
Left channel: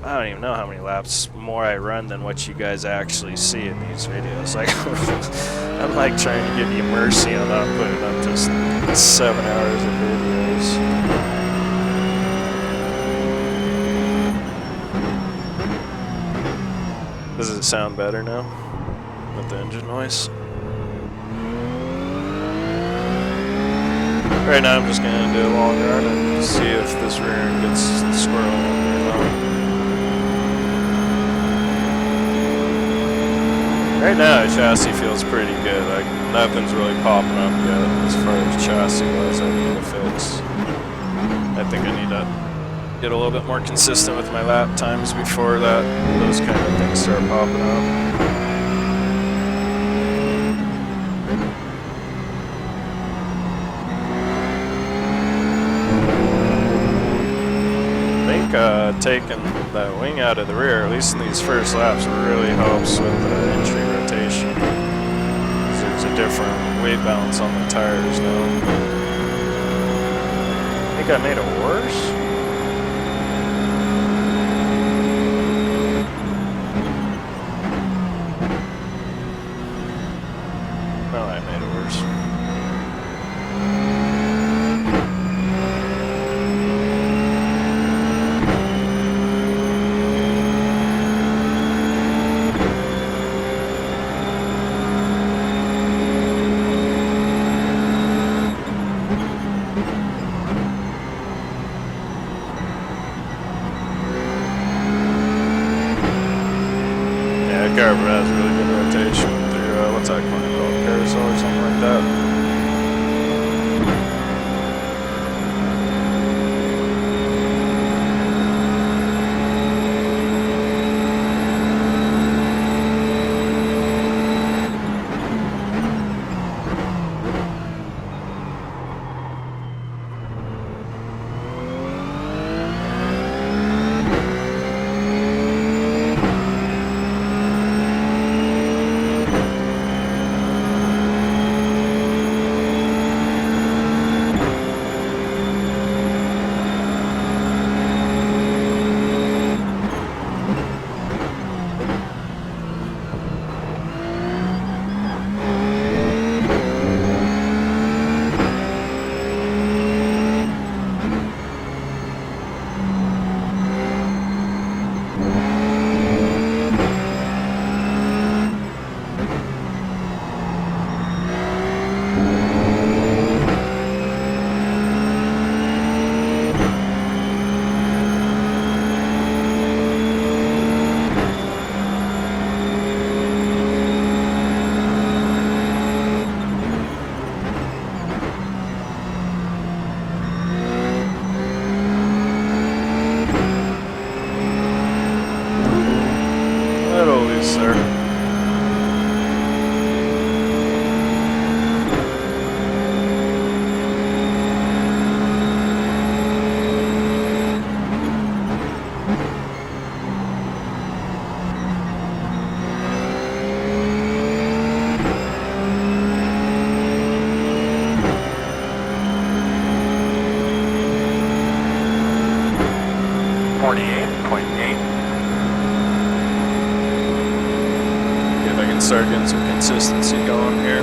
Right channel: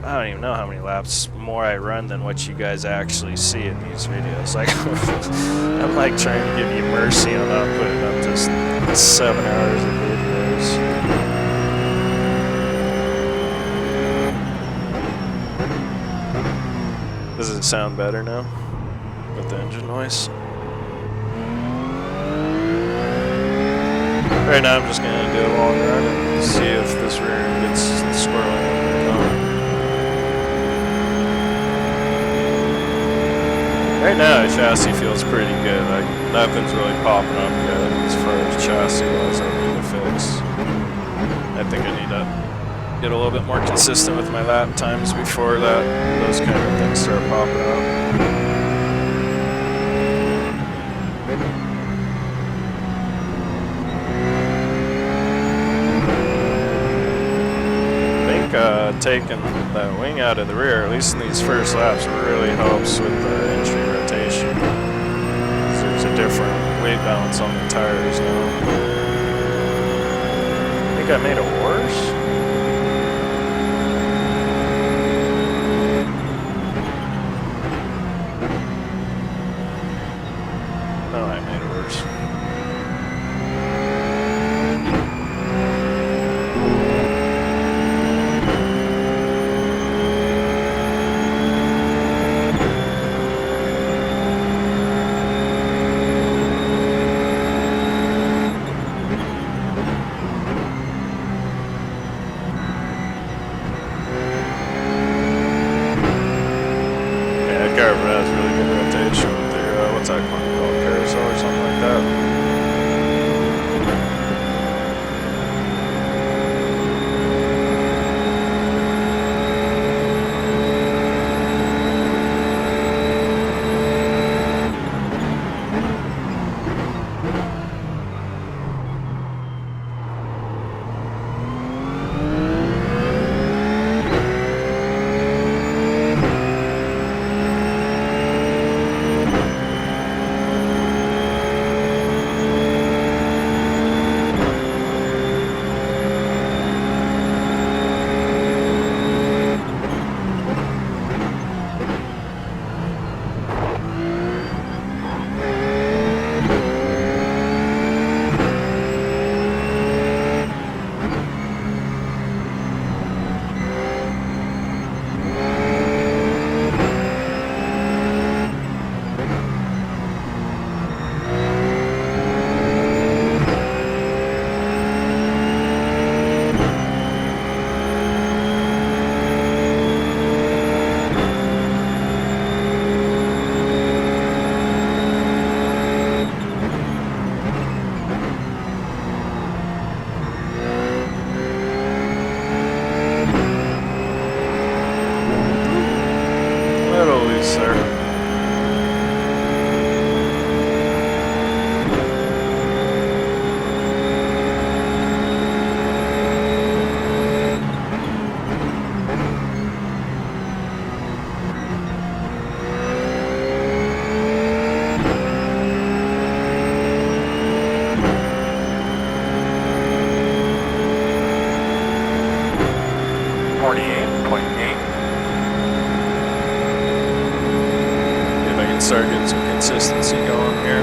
I don't even know how many laps more I run than what you guys actually see in these videos. Like, I'm like trying to give you mercy on not putting up just 7 hours of videos. Does it sound better now? With the engine noise. Right now I'm just going to do a long run and see if this rear end gets squirrely on there or not. Right now the chassis feels pretty good. Like nothing's really popping up yet as far as chassis wise I need to fix. I think I need to get a little bit more consistent with my lap times before those kind of things start popping up. Taking that wing out of the rear, at least in these first laps, really helps with the entry rotation. There's a different weight balance on the tires now. I think I made it worse. No, I made it worse. Carver has really good rotation through, what's that corner called? Carousel or something like that. pace there. Start getting some consistency going here.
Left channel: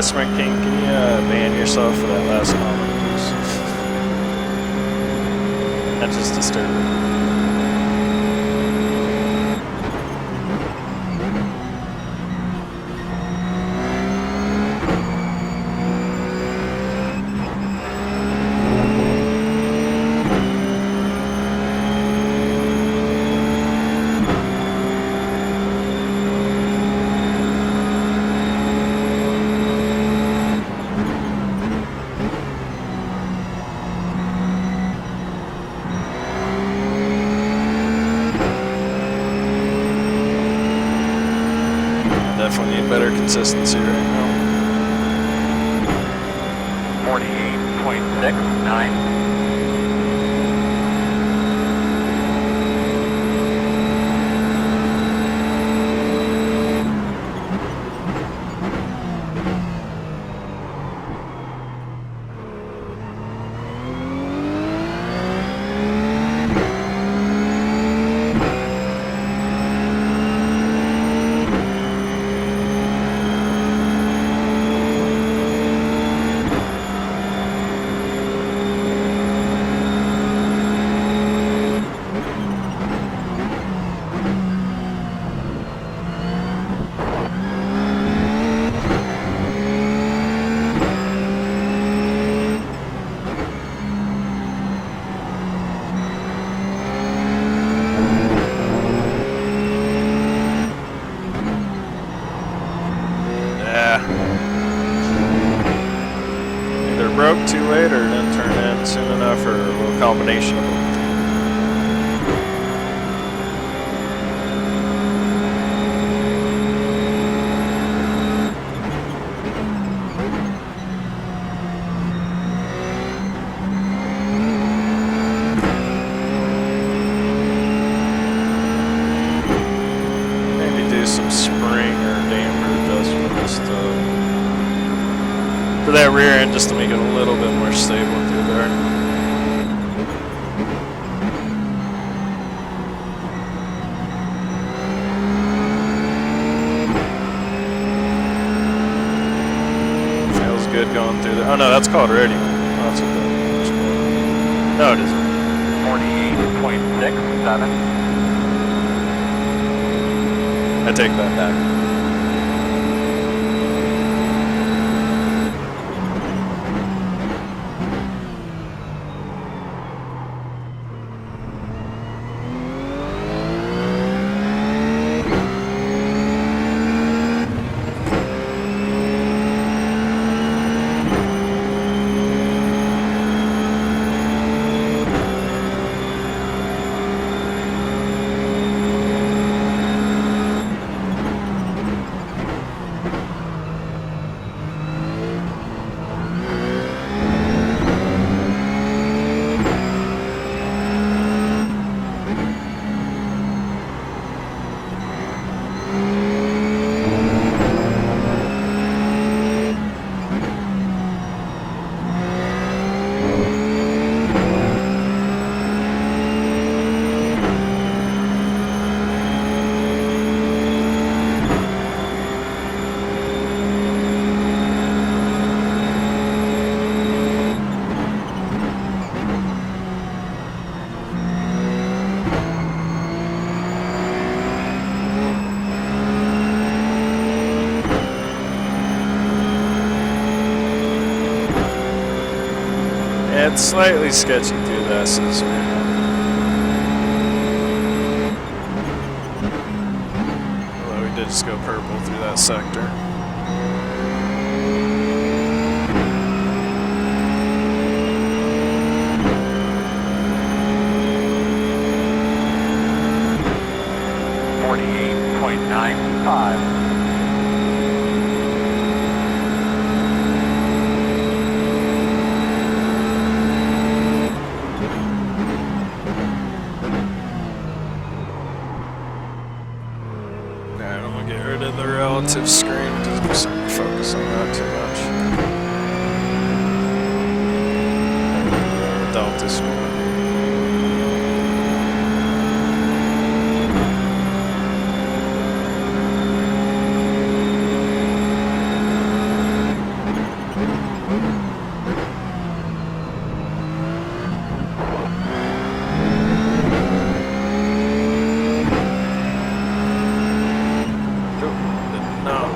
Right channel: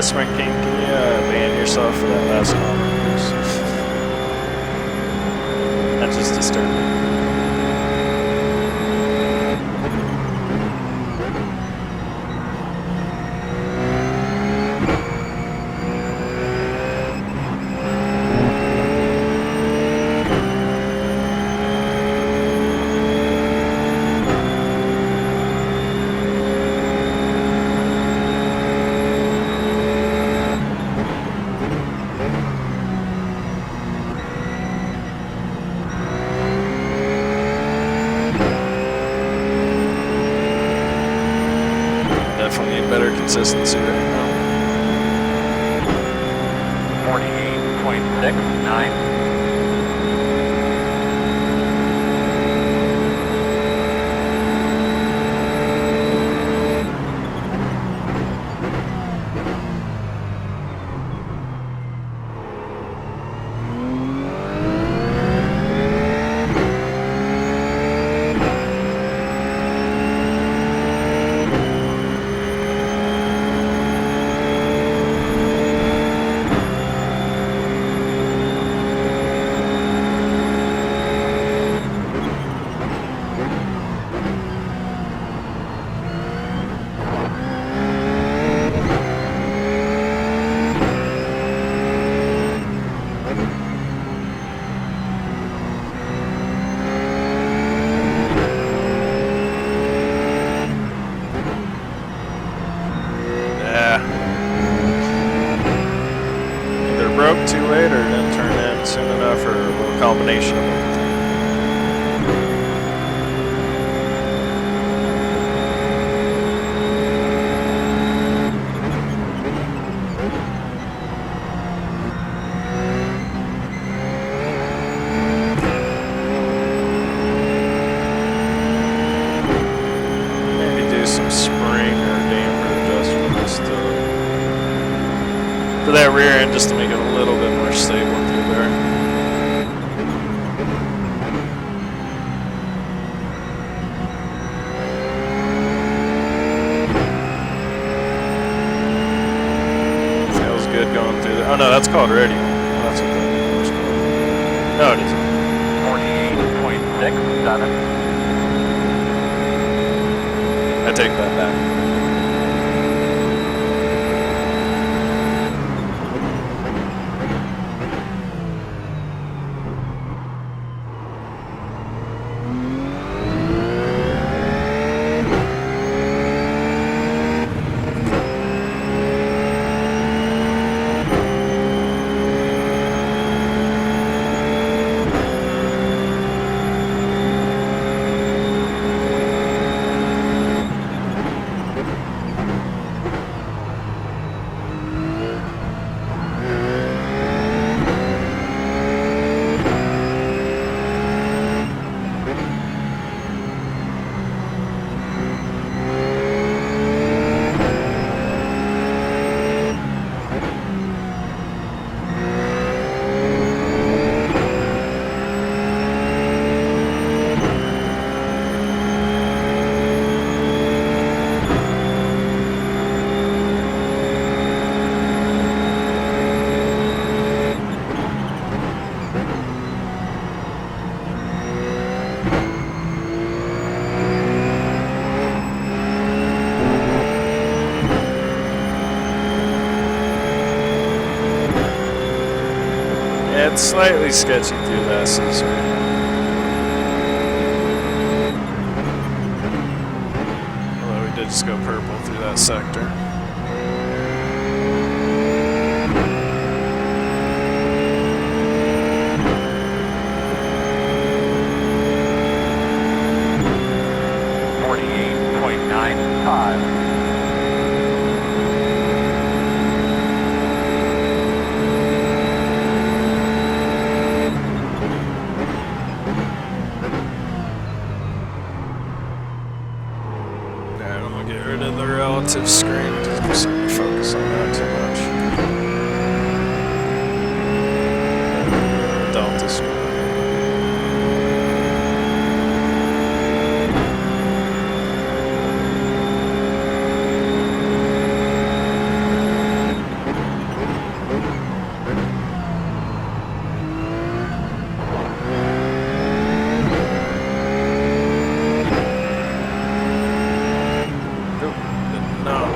Sprint King, can you ban yourself for that last comment, please? That just disturbed me. Definitely need better consistency right now. 48.69. Broke too late or didn't turn in soon enough, or a little combination of them. Maybe do some spring or damper adjustments to that rear end just to make it a little bit more stable through there. Feels good going through there. Oh no, that's called radial. Oh, that's what that's called. No, it isn't. 48.67. I take that back. Yeah, it's slightly sketchy through the S's right now. Although we did just go purple through that sector. Alright, I'm gonna get rid of the relative screen because I'm starting to focus on that too much. Delta screen.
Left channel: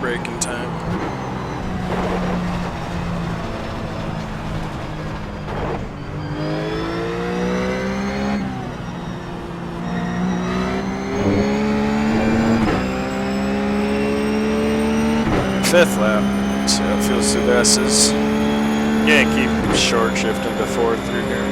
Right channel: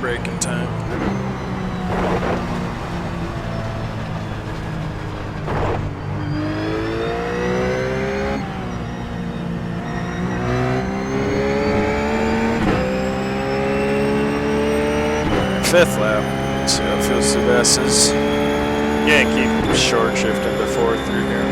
Breaking time. Fifth lap. See how it feels through the S's. Yeah, keep short shifting to fourth through here.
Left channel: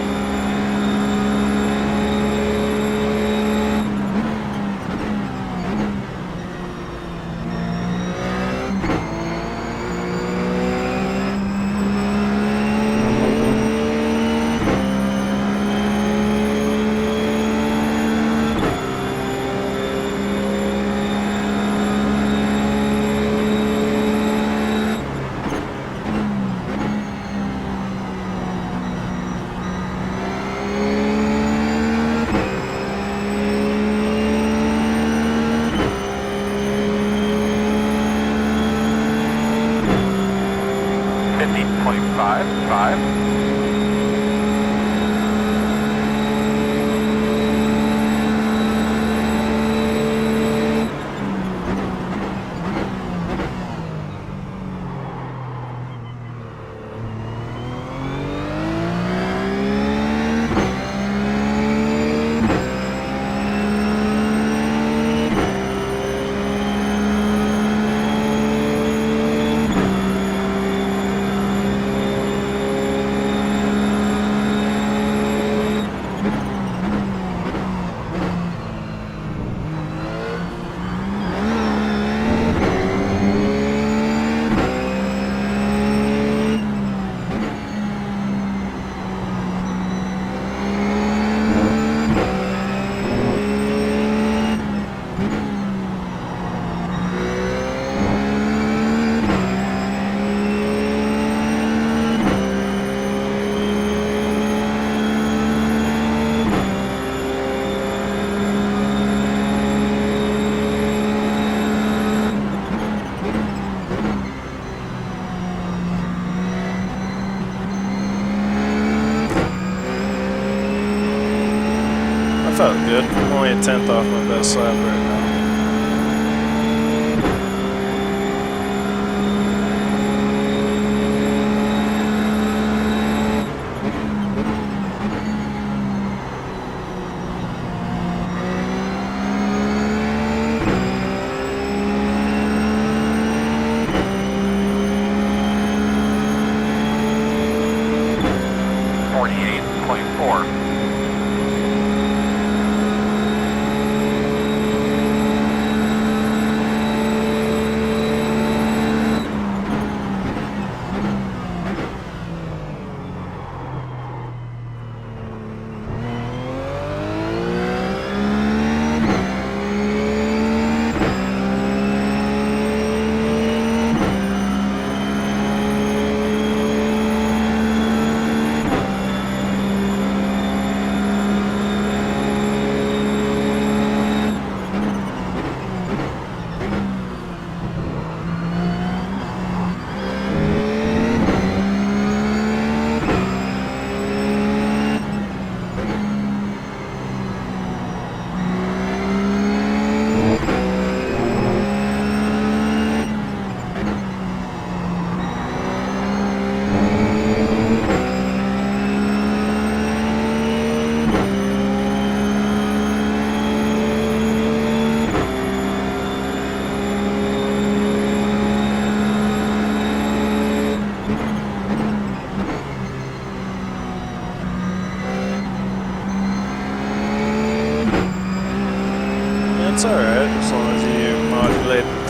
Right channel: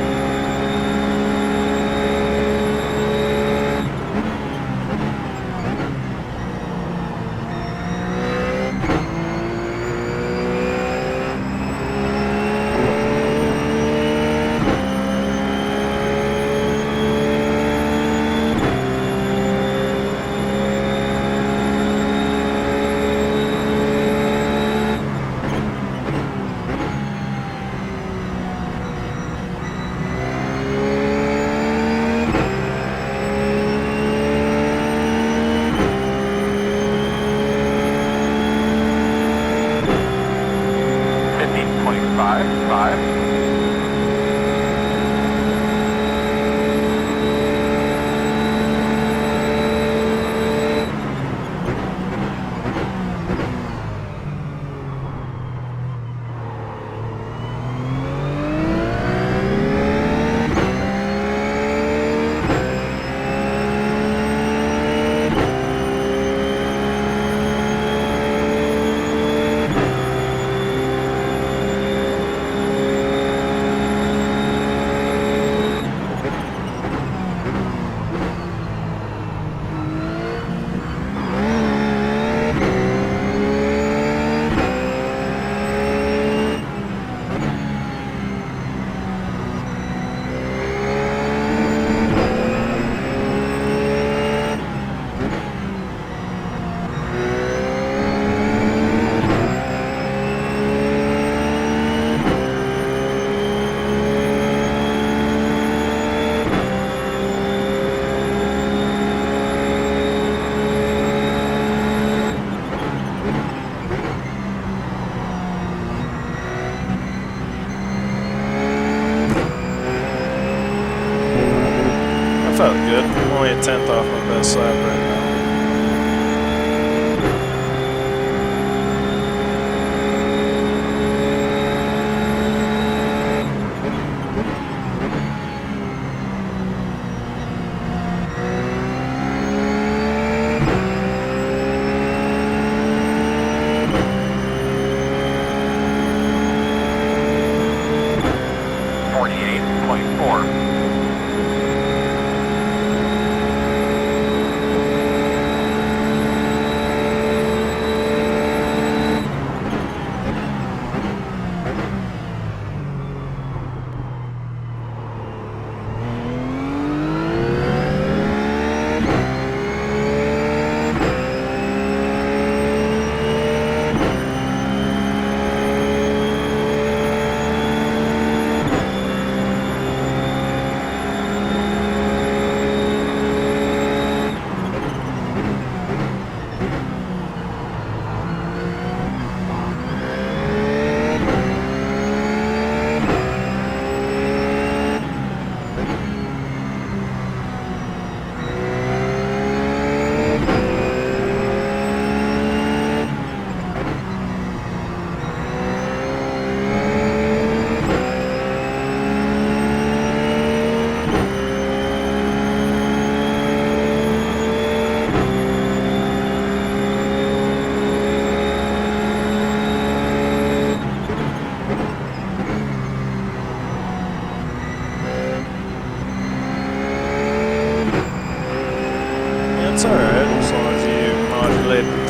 Felt good. I'm only a 10th off my best lap right now.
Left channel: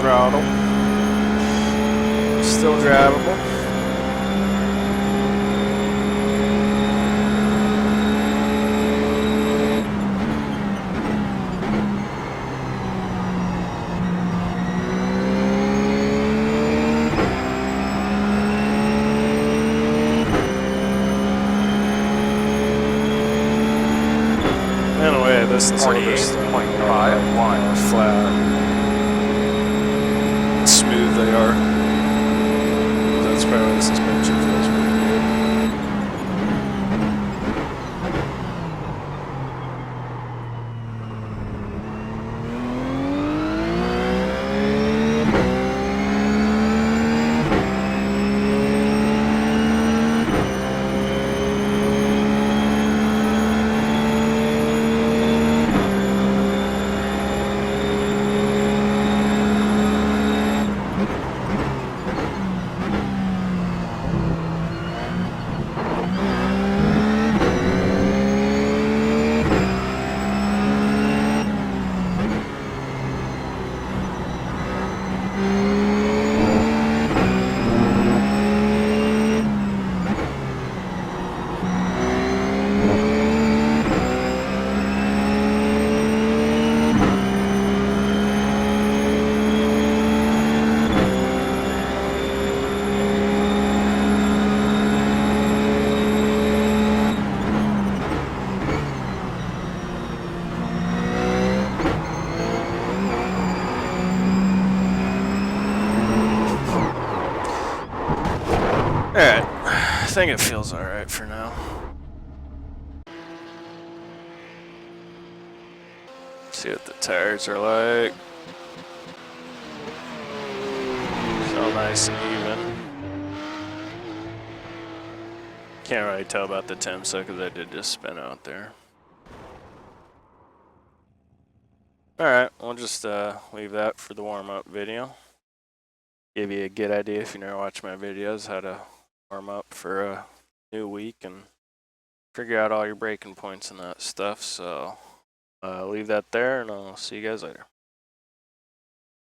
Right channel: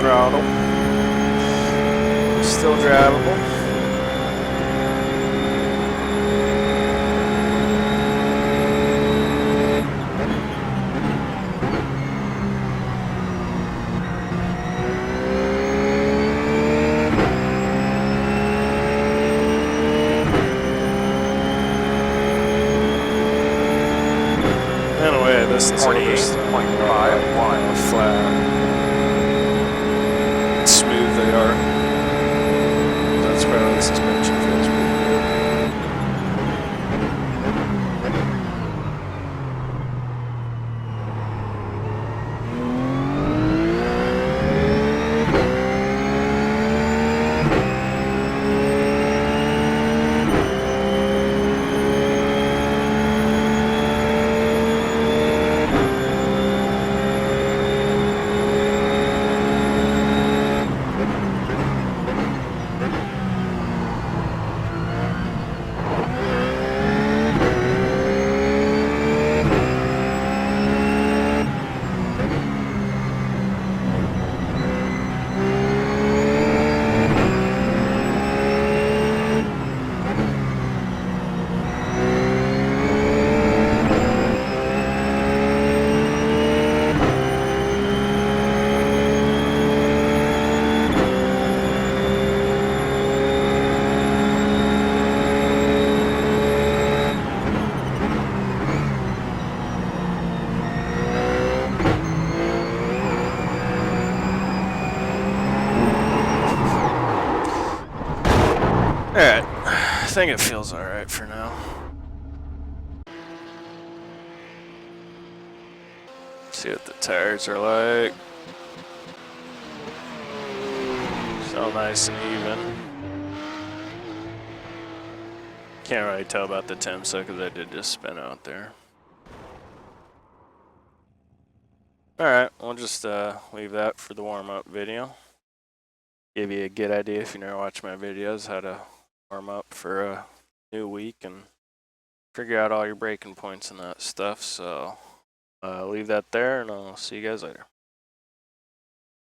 throttle. Still drivable. Anyway, this is other stuff. 48.51. Flat. Smooth they are. That's probably the suspension feels pretty good. Alright, I think it feels alright for now. See what the tires are like. So nice and even. Can't really tell about the Timsa because I did just spin out there. Alright, we'll just leave that for the warm-up video. Give you a good idea if you never watch my videos how to warm up for a new week and figure out all your braking points and that stuff. So leave that there and I'll see you guys later.